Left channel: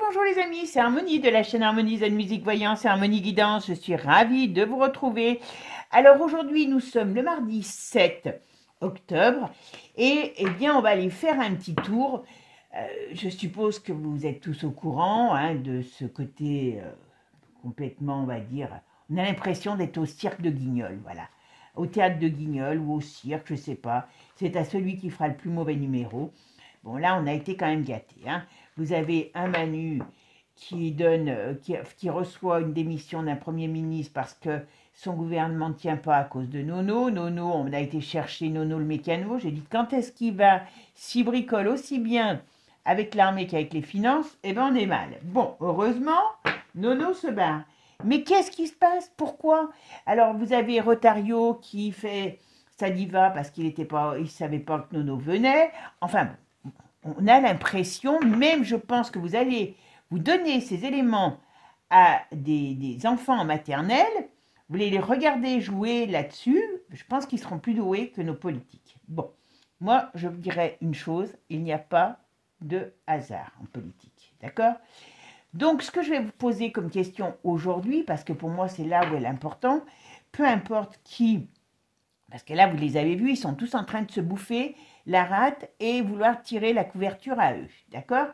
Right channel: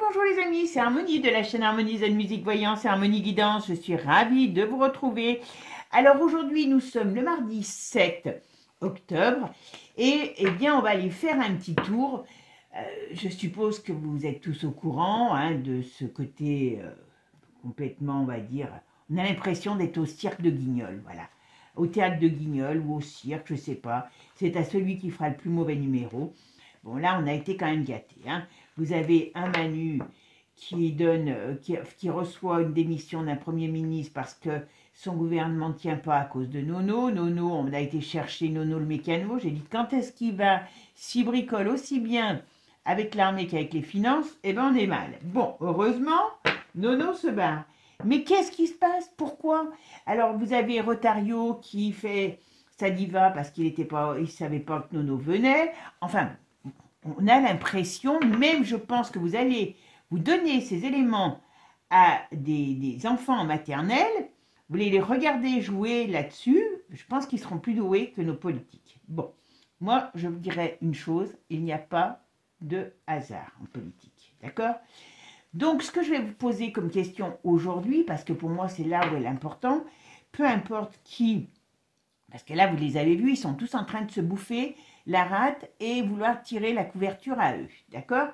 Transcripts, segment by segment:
Bonjour les amis, c'est Harmonie de la chaîne Harmonie Zen Musique Voyance et Harmonie Guidance. Je suis ravie de vous retrouver. Alors aujourd'hui, nous sommes le mardi 7 octobre et eh bien on va aller faire un petit tour. Je suppose que vous êtes tous au courant de ce côté complètement, on va dire, on a l'impression d'être au cirque de Guignol, voilà. Au théâtre de Guignol ou au cirque, je sais pas. C'est à celui qui fera le plus mauvais numéro. Bon là, on a été quand même gâtés, Vous avez un Manu qui donne, qui reçoit une démission d'un Premier ministre parce que son gouvernement ne tient pas à cause de Nono. Nono, on a été chercher Nono le mécano. J'ai dit, quand est-ce qu'il va s'y bricole aussi bien avec l'armée qu'avec les finances? Eh bien, on est mal. Bon, heureusement, Nono se barre. Mais qu'est-ce qui se passe? Pourquoi? Alors, vous avez Rotario qui fait sa diva parce qu'il ne savait pas que Nono venait. Enfin, on a l'impression, même je pense que vous allez vous donner ces éléments à des enfants en maternelle, vous allez les regarder jouer là-dessus, je pense qu'ils seront plus doués que nos politiques. Bon, moi je vous dirais une chose, il n'y a pas de hasard en politique, d'accord? Donc ce que je vais vous poser comme question aujourd'hui, parce que pour moi c'est là où est l'important, peu importe qui, parce que là vous les avez vus, ils sont tous en train de se bouffer la rate et vouloir tirer la couverture à eux, d'accord?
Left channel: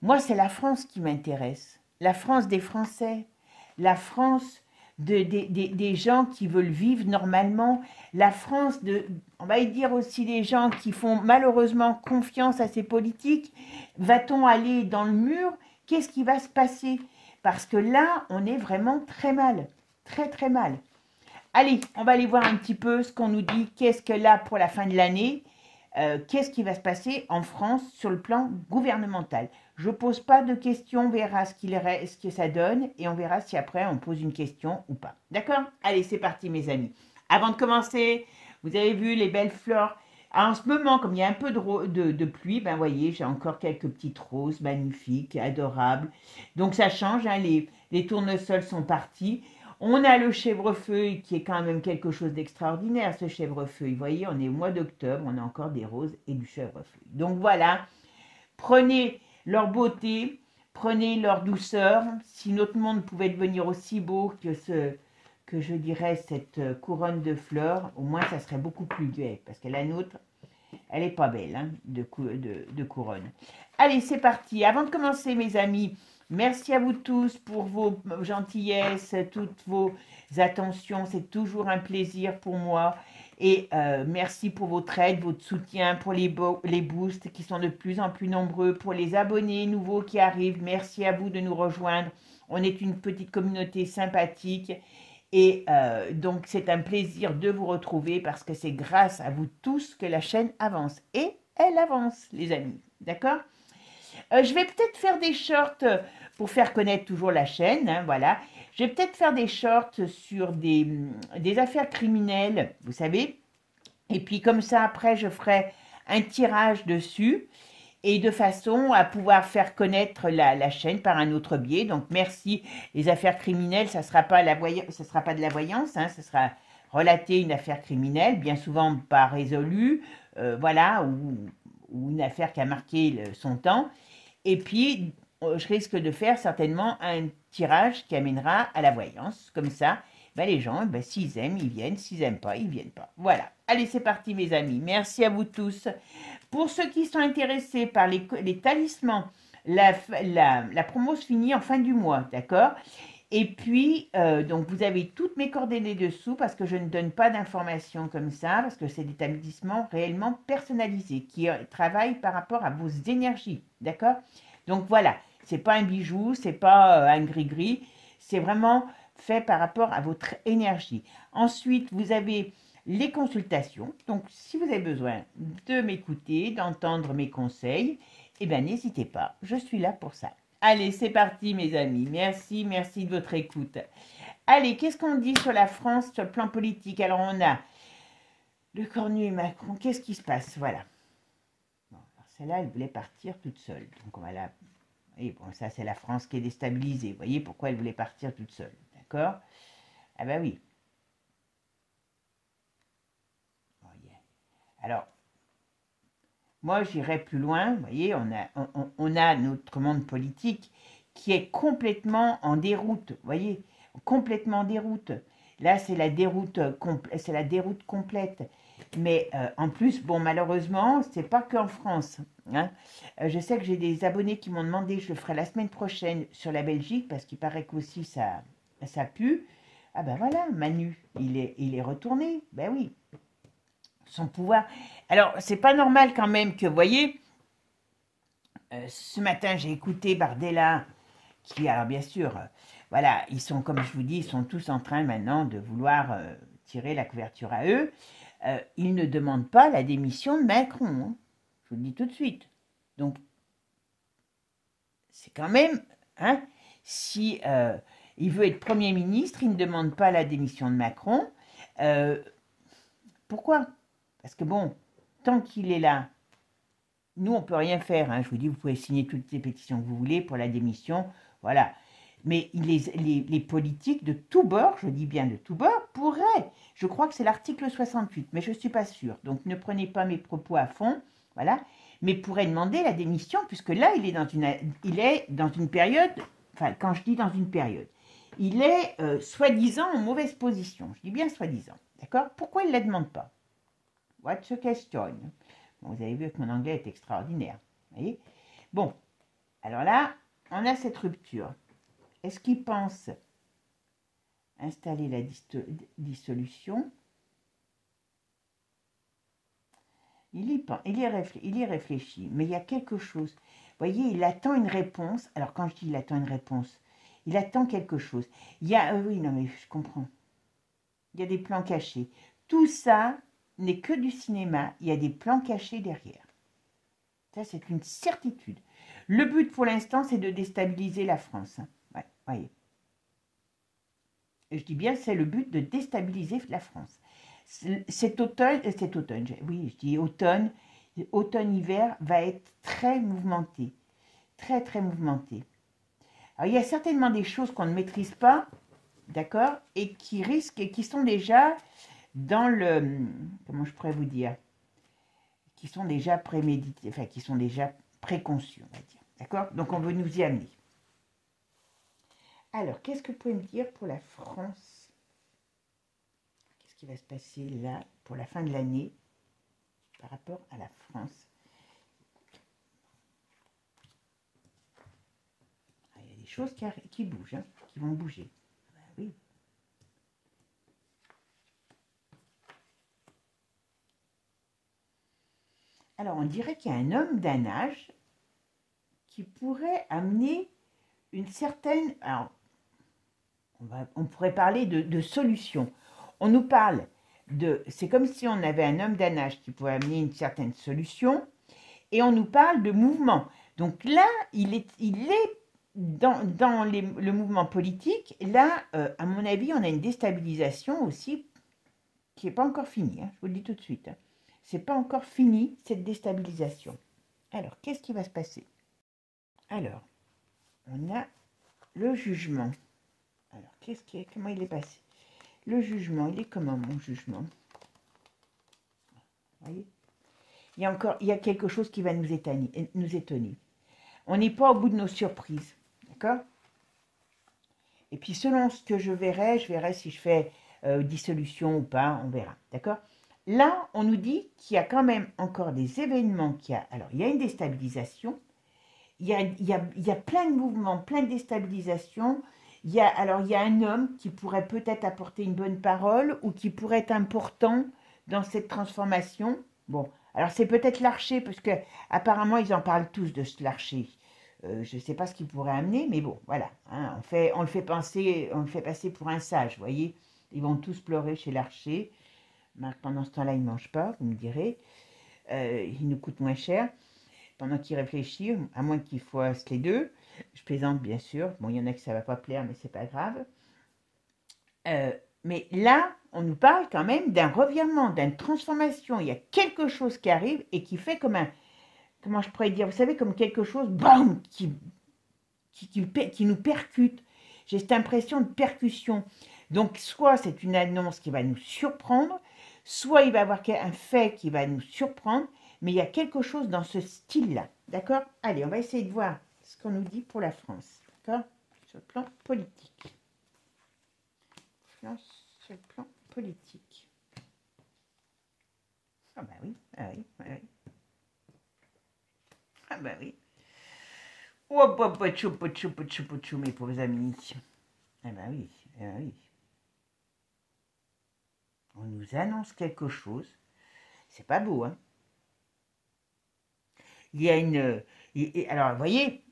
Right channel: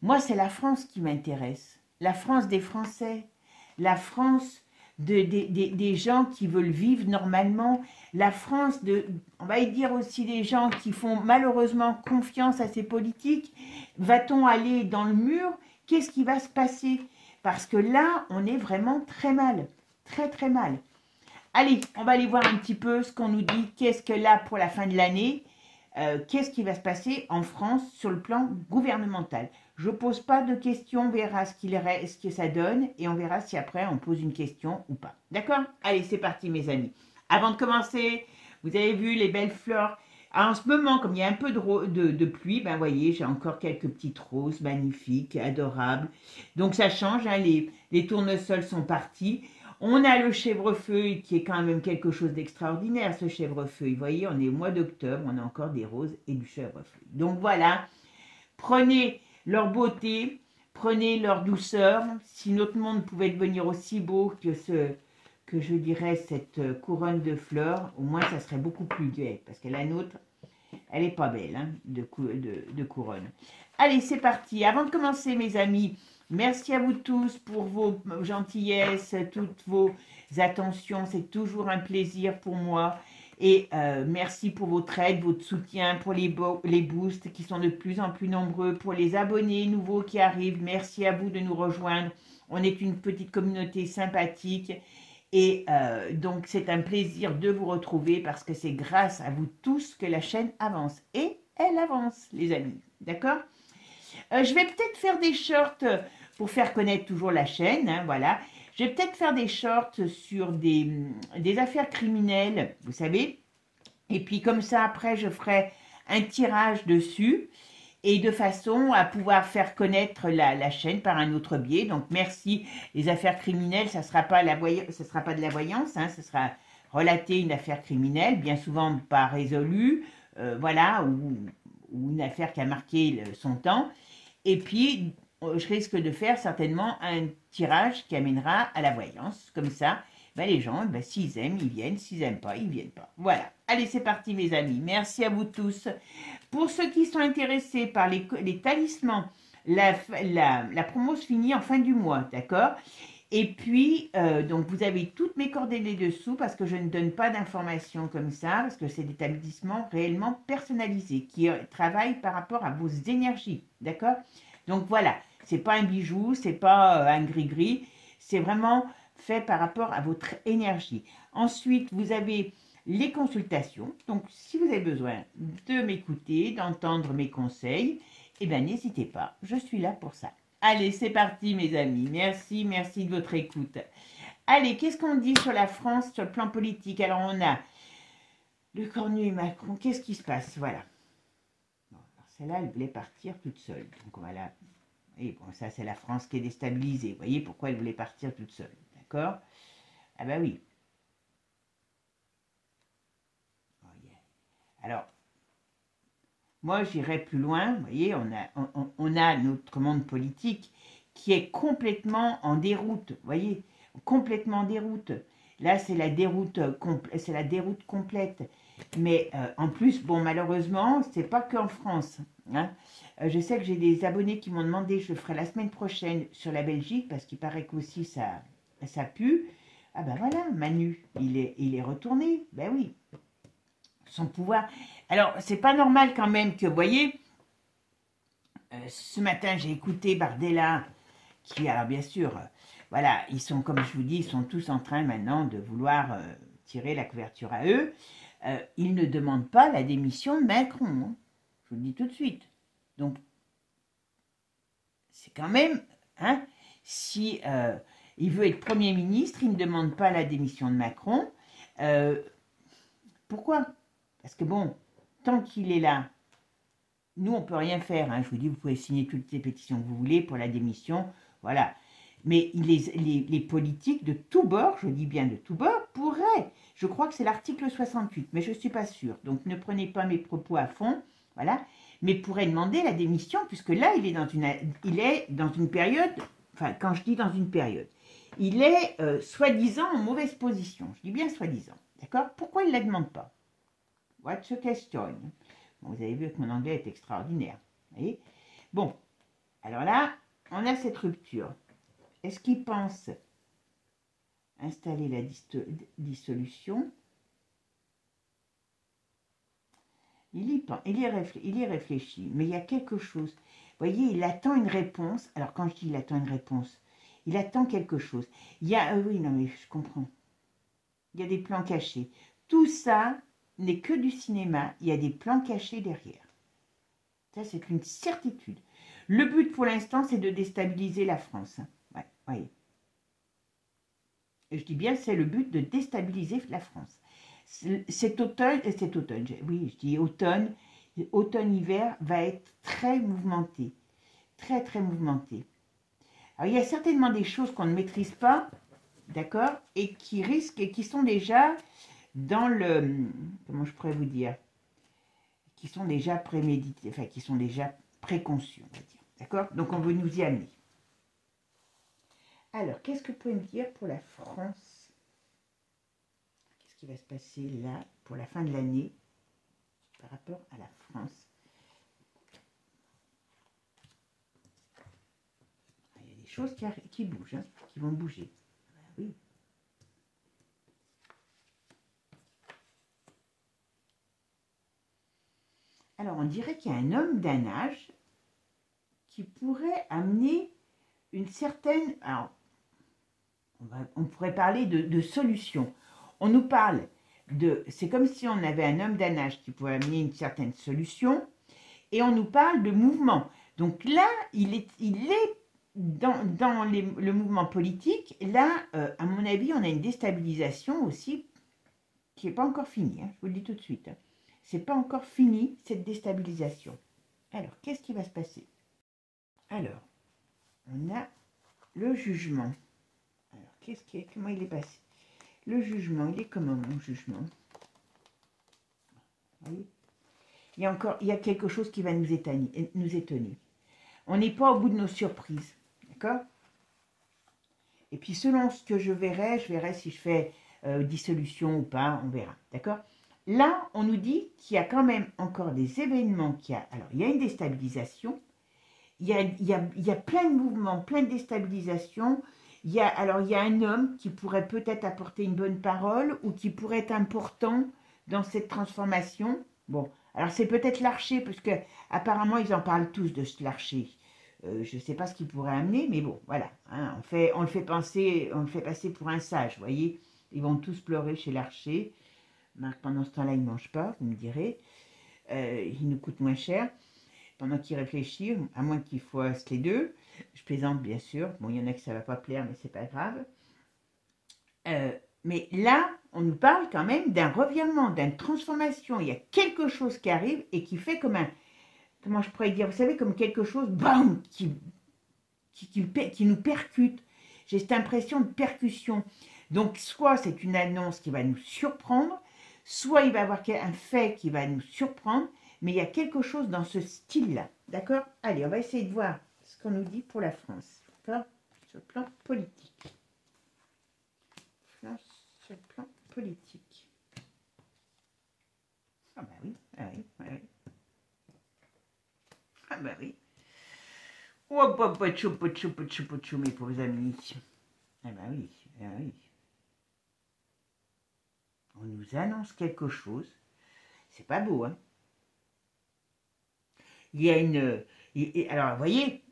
Moi, c'est la France qui m'intéresse, la France des Français, la France des gens qui veulent vivre normalement, la France on va dire aussi des gens qui font malheureusement confiance à ces politiques. Va-t-on aller dans le mur? Qu'est-ce qui va se passer? Parce que là, on est vraiment très mal, très très mal. Allez, on va aller voir un petit peu ce qu'on nous dit, qu'est-ce que là pour la fin de l'année, qu'est-ce qui va se passer en France sur le plan gouvernemental. Je ne pose pas de questions, on verra ce que ça donne et on verra si après on pose une question ou pas. D'accord? Allez, c'est parti mes amis. Avant de commencer, vous avez vu les belles fleurs. Alors, en ce moment, comme il y a un peu de pluie, ben voyez, j'ai encore quelques petites roses magnifiques, adorables. Donc ça change, les tournesols sont partis. On a le chèvrefeuille qui est quand même quelque chose d'extraordinaire, ce chèvrefeuille. Vous voyez, on est au mois d'octobre, on a encore des roses et du chèvrefeuille. Donc voilà, prenez leur beauté, prenez leur douceur. Si notre monde pouvait devenir aussi beau que je dirais cette couronne de fleurs, au moins ça serait beaucoup plus gai. Parce que la nôtre, elle n'est pas belle de couronne. Allez, c'est parti. Avant de commencer mes amis, merci à vous tous pour vos gentillesses, toutes vos attentions. C'est toujours un plaisir pour moi. Et merci pour votre aide, votre soutien, pour les boosts qui sont de plus en plus nombreux, pour les abonnés nouveaux qui arrivent. Merci à vous de nous rejoindre. On est une petite communauté sympathique. Et donc, c'est un plaisir de vous retrouver parce que c'est grâce à vous tous que la chaîne avance. Et elle avance, les amis. D'accord? Je vais peut-être faire des shorts pour faire connaître toujours la chaîne, voilà. Je vais peut-être faire des shorts sur des affaires criminelles, vous savez. Et puis comme ça, après, je ferai un tirage dessus. Et de façon à pouvoir faire connaître la chaîne par un autre biais. Donc merci. Les affaires criminelles, ça ne sera pas de la voyance, ça sera relater une affaire criminelle, bien souvent pas résolue, voilà, ou une affaire qui a marqué son temps. Et puis, je risque de faire certainement un tirage qui amènera à la voyance. Comme ça, les gens, s'ils aiment, ils viennent. S'ils n'aiment pas, ils ne viennent pas. Voilà. Allez, c'est parti, mes amis. Merci à vous tous. Pour ceux qui sont intéressés par les talismans, la promo se finit en fin du mois, d'accord? Et puis, donc, vous avez toutes mes coordonnées dessous parce que je ne donne pas d'informations comme ça, parce que c'est des établissements réellement personnalisés qui travaillent par rapport à vos énergies, d'accord? Donc, voilà, c'est pas un bijou, c'est pas un gris-gris, c'est vraiment fait par rapport à votre énergie. Ensuite, vous avez les consultations. Donc, si vous avez besoin de m'écouter, d'entendre mes conseils, eh bien, n'hésitez pas, je suis là pour ça. Allez, c'est parti, mes amis. Merci, merci de votre écoute. Allez, qu'est-ce qu'on dit sur la France, sur le plan politique? Alors, on a le Cornu et Macron. Qu'est-ce qui se passe? Voilà. Bon, celle-là, elle voulait partir toute seule. Donc, on va la... Et bon, ça, c'est la France qui est déstabilisée. Vous voyez pourquoi elle voulait partir toute seule. D'accord? Ah ben oui. Alors, moi j'irais plus loin. Vous voyez, on a notre monde politique qui est complètement en déroute. Vous voyez, complètement en déroute. Là, c'est la déroute, c'est la déroute complète. Mais en plus, bon, malheureusement, c'est pas qu'en France. Hein. Je sais que j'ai des abonnés qui m'ont demandé, je le ferai la semaine prochaine sur la Belgique, parce qu'il paraît qu'aussi ça pue. Ah ben voilà, Manu, il est retourné. Ben oui, son pouvoir. Alors, c'est pas normal quand même que, vous voyez, ce matin, j'ai écouté Bardella, qui, alors bien sûr, voilà, ils sont, comme je vous dis, ils sont tous en train maintenant de vouloir tirer la couverture à eux. Ils ne demandent pas la démission de Macron, hein. Je vous le dis tout de suite. Donc, c'est quand même, hein, si il veut être Premier ministre, il ne demande pas la démission de Macron. Pourquoi? Parce que bon, tant qu'il est là, nous, on ne peut rien faire. Hein. Je vous dis, vous pouvez signer toutes les pétitions que vous voulez pour la démission. Voilà. Mais les politiques de tous bords, je dis bien de tous bords, pourraient. Je crois que c'est l'article 68, mais je ne suis pas sûre. Donc, ne prenez pas mes propos à fond. Voilà. Mais pourrait demander la démission, puisque là, il est dans une période, enfin, quand je dis dans une période, il est soi-disant en mauvaise position. Je dis bien soi-disant. D'accord? Pourquoi il ne la demande pas? What's the question? Bon, vous avez vu que mon anglais est extraordinaire. Vous voyez? Bon, alors là, on a cette rupture. Est-ce qu'il pense installer la dissolution? Il y réfléchit, mais il y a quelque chose. Vous voyez, il attend une réponse. Alors, quand je dis il attend une réponse, il attend quelque chose. Il y a... oui, non, mais je comprends. Il y a des plans cachés. Tout ça n'est que du cinéma. Il y a des plans cachés derrière. Ça, c'est une certitude. Le but, pour l'instant, c'est de déstabiliser la France. Ouais, voyez. Je dis bien, c'est le but de déstabiliser la France. Cet automne, oui, je dis automne, automne-hiver va être très mouvementé. Très, très mouvementé. Alors, il y a certainement des choses qu'on ne maîtrise pas, d'accord, et qui risquent, et qui sont déjà dans le, comment je pourrais vous dire, qui sont déjà prémédités, enfin, qui sont déjà préconçus, on va dire, d'accord. Donc, on veut nous y amener. Alors, qu'est-ce que vous pouvez me dire pour la France? Qu'est-ce qui va se passer là, pour la fin de l'année, par rapport à la France? Il y a des choses qui bougent, hein, qui vont bouger. Ben oui. Alors, on dirait qu'il y a un homme d'un âge qui pourrait amener une certaine... Alors, on pourrait parler de solution. On nous parle de... C'est comme si on avait un homme d'un âge qui pourrait amener une certaine solution, et on nous parle de mouvement. Donc là, il est dans le mouvement politique. Là, à mon avis, on a une déstabilisation aussi qui n'est pas encore finie. Hein, je vous le dis tout de suite. Hein. C'est pas encore fini, cette déstabilisation. Alors, qu'est-ce qui va se passer? Alors, on a le jugement. Alors, comment il est passé? Le jugement, il est comment, mon jugement? Vous voyez, il y a quelque chose qui va nous étonner. On n'est pas au bout de nos surprises, d'accord? Et puis, selon ce que je verrai si je fais dissolution ou pas, on verra, d'accord? Là, on nous dit qu'il y a quand même encore des événements alors, il y a une déstabilisation, il y a plein de mouvements, plein de déstabilisations. Alors, il y a un homme qui pourrait peut-être apporter une bonne parole ou qui pourrait être important dans cette transformation. Bon, alors c'est peut-être l'archer, parce que apparemment ils en parlent tous de ce l'archer. Je ne sais pas ce qu'il pourrait amener, mais bon, voilà. Hein, on le fait passer pour un sage, vous voyez. Ils vont tous pleurer chez l'archer. Pendant ce temps-là, il ne mange pas, vous me direz. Il nous coûte moins cher. Pendant qu'il réfléchit, à moins qu'il fasse les deux. Je plaisante, bien sûr. Bon, il y en a qui ça ne va pas plaire, mais c'est pas grave. Mais là, on nous parle quand même d'un revirement, d'une transformation. Il y a quelque chose qui arrive et qui fait comme un... Comment je pourrais dire? Vous savez, comme quelque chose, bam, qui nous percute. J'ai cette impression de percussion. Donc, soit c'est une annonce qui va nous surprendre, soit il va y avoir un fait qui va nous surprendre, mais il y a quelque chose dans ce style-là. D'accord? Allez, on va essayer de voir ce qu'on nous dit pour la France. D'accord? Sur le plan politique. Sur le plan politique. Ah bah oui, ah oui, ah oui. Ah bah oui. Oh, pochou, mes pauvres amis. Ah bah oui, ah oui. On nous annonce quelque chose. C'est pas beau, hein. Il y a une... alors, vous voyez,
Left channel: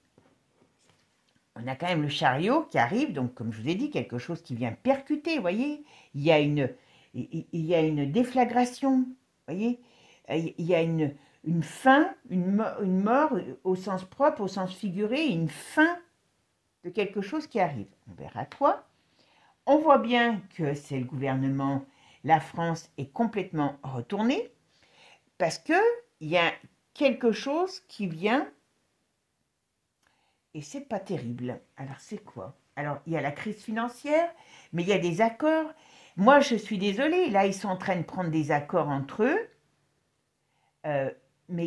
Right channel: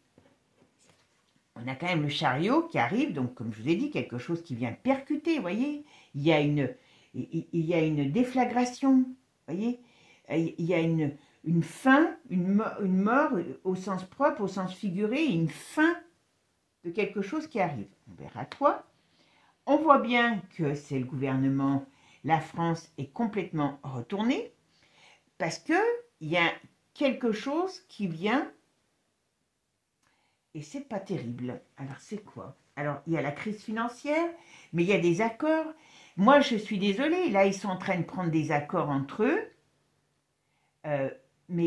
on a quand même le chariot qui arrive, donc comme je vous ai dit, quelque chose qui vient percuter, vous voyez. Il y a une déflagration, vous voyez. Il y a une fin, une mort au sens propre, au sens figuré, une fin de quelque chose qui arrive. On verra quoi. On voit bien que c'est le gouvernement, la France est complètement retournée, parce qu'il y a quelque chose qui vient, et c'est pas terrible. Alors c'est quoi? Alors il y a la crise financière, mais il y a des accords. Moi je suis désolée, là ils sont en train de prendre des accords entre eux, mais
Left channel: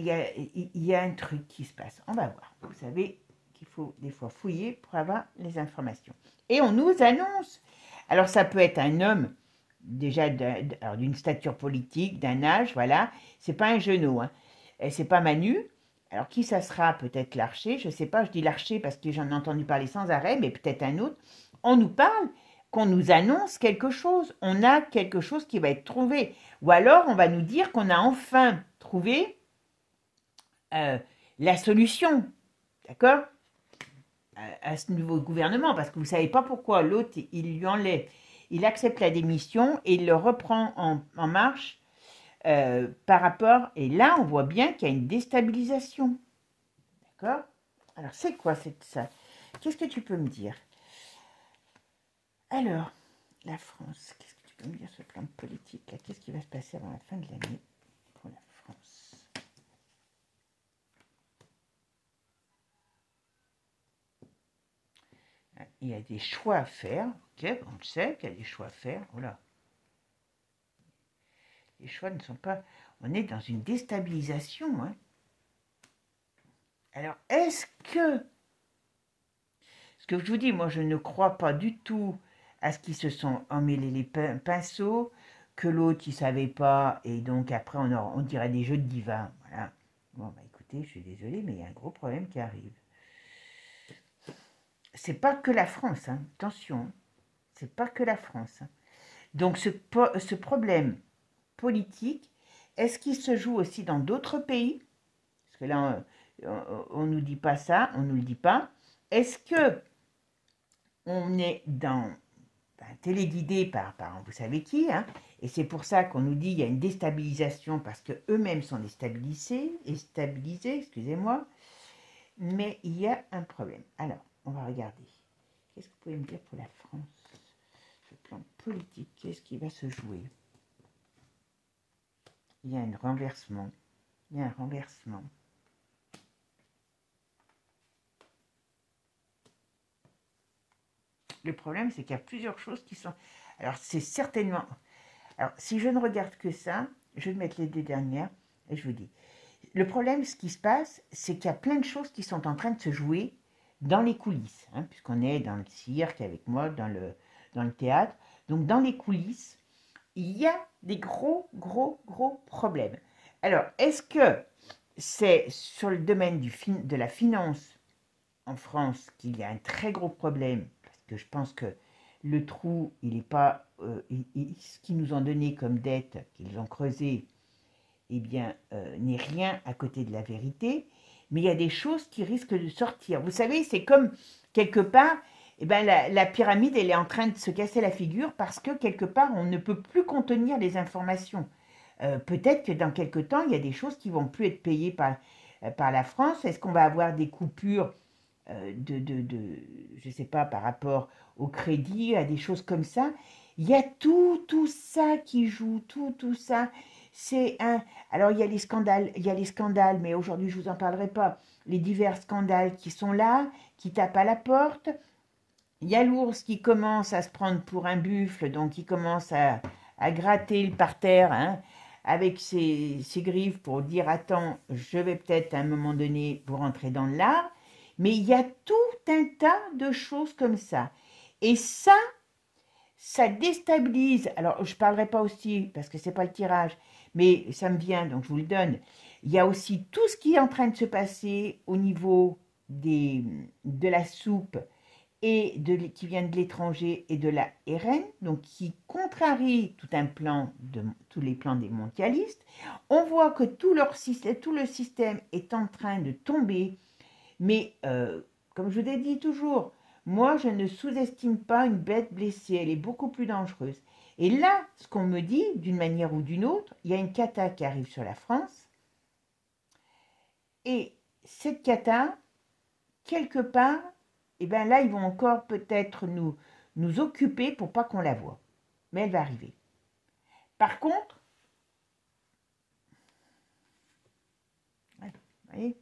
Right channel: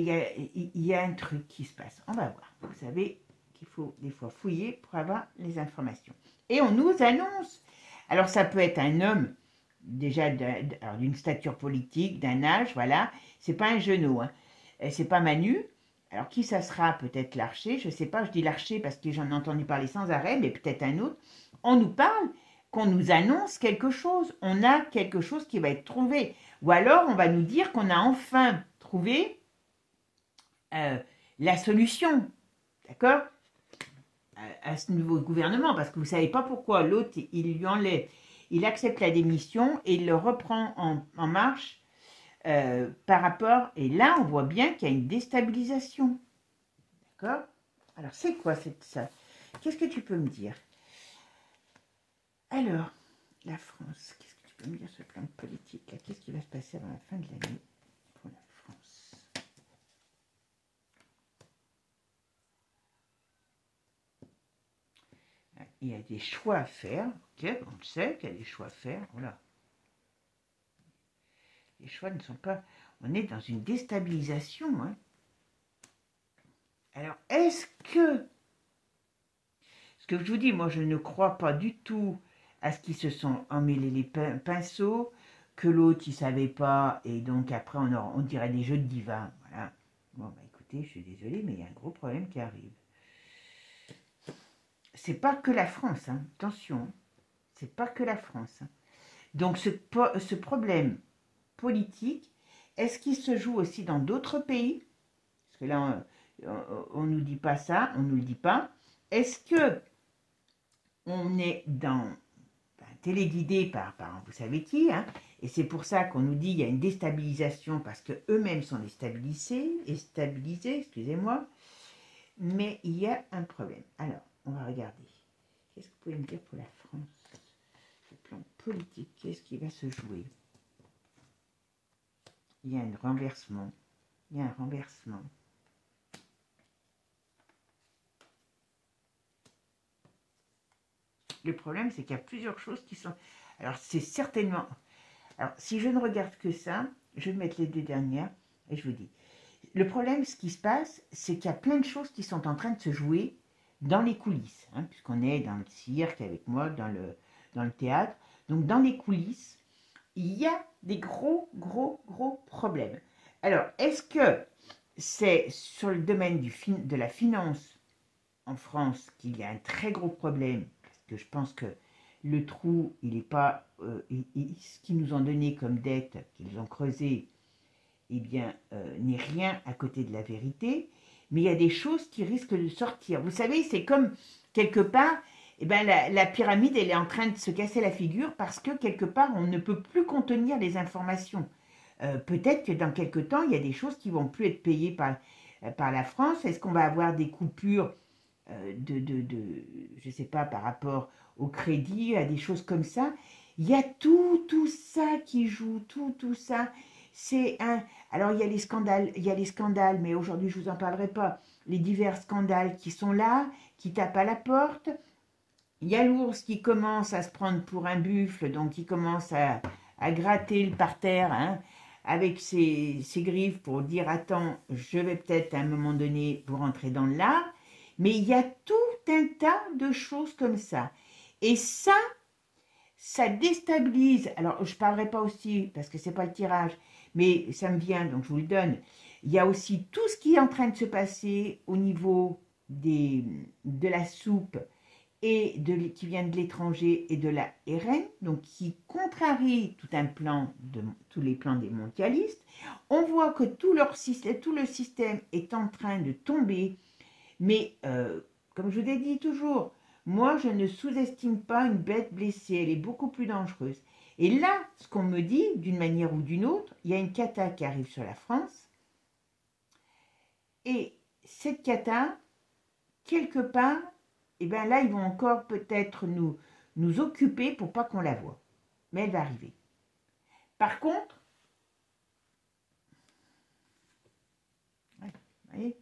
il y a un truc qui se passe. On va voir. Vous savez qu'il faut des fois fouiller pour avoir les informations. Et on nous annonce. Alors ça peut être un homme déjà d'une stature politique, d'un âge, voilà. C'est pas un genou, hein. C'est pas Manu. Alors qui ça sera? Peut-être l'archer, je sais pas, je dis l'archer parce que j'en ai entendu parler sans arrêt, mais peut-être un autre. On nous parle, qu'on nous annonce quelque chose. On a quelque chose qui va être trouvé. Ou alors on va nous dire qu'on a enfin trouvé la solution, d'accord, à ce nouveau gouvernement, parce que vous ne savez pas pourquoi l'autre, il lui enlève, il accepte la démission et il le reprend en marche par rapport, et là on voit bien qu'il y a une déstabilisation, d'accord. Alors c'est quoi ça? Qu'est-ce que tu peux me dire? Alors, la France, qu'est-ce que tu peux me dire sur le plan politique? Qu'est-ce qui va se passer avant la fin de l'année pour la France? Il y a des choix à faire, ok, on le sait qu'il y a des choix à faire, voilà. Les choix ne sont pas... On est dans une déstabilisation, hein. Alors, est-ce que... Ce que je vous dis, moi, je ne crois pas du tout à ce qu'ils se sont emmêlés les pinceaux, que l'autre, il ne savait pas, et donc après, on dirait des jeux de divin, voilà. Bon, bah écoutez, je suis désolée, mais il y a un gros problème qui arrive. C'est pas que la France, hein. Attention, c'est pas que la France, hein. Donc, ce problème politique, est-ce qu'il se joue aussi dans d'autres pays? Parce que là, on ne nous dit pas ça, on ne nous le dit pas. Est-ce que on est téléguidé par vous savez qui, hein, et c'est pour ça qu'on nous dit qu'il y a une déstabilisation parce qu'eux-mêmes sont déstabilisés, excusez-moi, mais il y a un problème. Alors, on va regarder. Qu'est-ce que vous pouvez me dire pour la France? Sur le plan politique, qu'est-ce qui va se jouer? Il y a un renversement. Il y a un renversement. Le problème, c'est qu'il y a plusieurs choses qui sont... Alors, c'est certainement... Alors, si je ne regarde que ça, je vais mettre les deux dernières, et je vous dis. Le problème, ce qui se passe, c'est qu'il y a plein de choses qui sont en train de se jouer dans les coulisses, hein, puisqu'on est dans le cirque avec moi, dans le théâtre. Donc, dans les coulisses, il y a des gros problèmes. Alors, est-ce que c'est sur le domaine de la finance en France qu'il y a un très gros problème? Parce que je pense que le trou, il n'est pas... ce qu'ils nous ont donné comme dette, qu'ils ont creusé, eh bien, n'est rien à côté de la vérité. Mais il y a des choses qui risquent de sortir. Vous savez, c'est comme, quelque part, eh ben, la pyramide, elle est en train de se casser la figure parce que, quelque part, on ne peut plus contenir les informations. Peut-être que dans quelque temps, il y a des choses qui ne vont plus être payées par la France. Est-ce qu'on va avoir des coupures je ne sais pas, par rapport au crédit, à des choses comme ça? Il y a tout ça qui joue, tout ça. C'est un... Alors, il y a les scandales, mais aujourd'hui, je ne vous en parlerai pas. Les divers scandales qui sont là, qui tapent à la porte. Il y a l'ours qui commence à se prendre pour un buffle, donc il commence à gratter le parterre, hein, avec ses griffes pour dire attends, je vais peut-être à un moment donné vous rentrer dans l'art, mais il y a tout un tas de choses comme ça. Et ça déstabilise. Alors, je ne parlerai pas aussi, parce que ce n'est pas le tirage, mais ça me vient, donc je vous le donne. Il y a aussi tout ce qui est en train de se passer au niveau de la soupe et qui vient de l'étranger et de la RN, donc qui contrarie tous les plans des mondialistes. On voit que tout le système est en train de tomber, mais comme je vous l'ai dit toujours, moi je ne sous-estime pas une bête blessée, elle est beaucoup plus dangereuse. Et là, ce qu'on me dit, d'une manière ou d'une autre, il y a une cata qui arrive sur la France, et cette cata, quelque part, et bien là, ils vont encore peut-être nous occuper pour pas qu'on la voie. Mais elle va arriver. Par contre, vous voyez,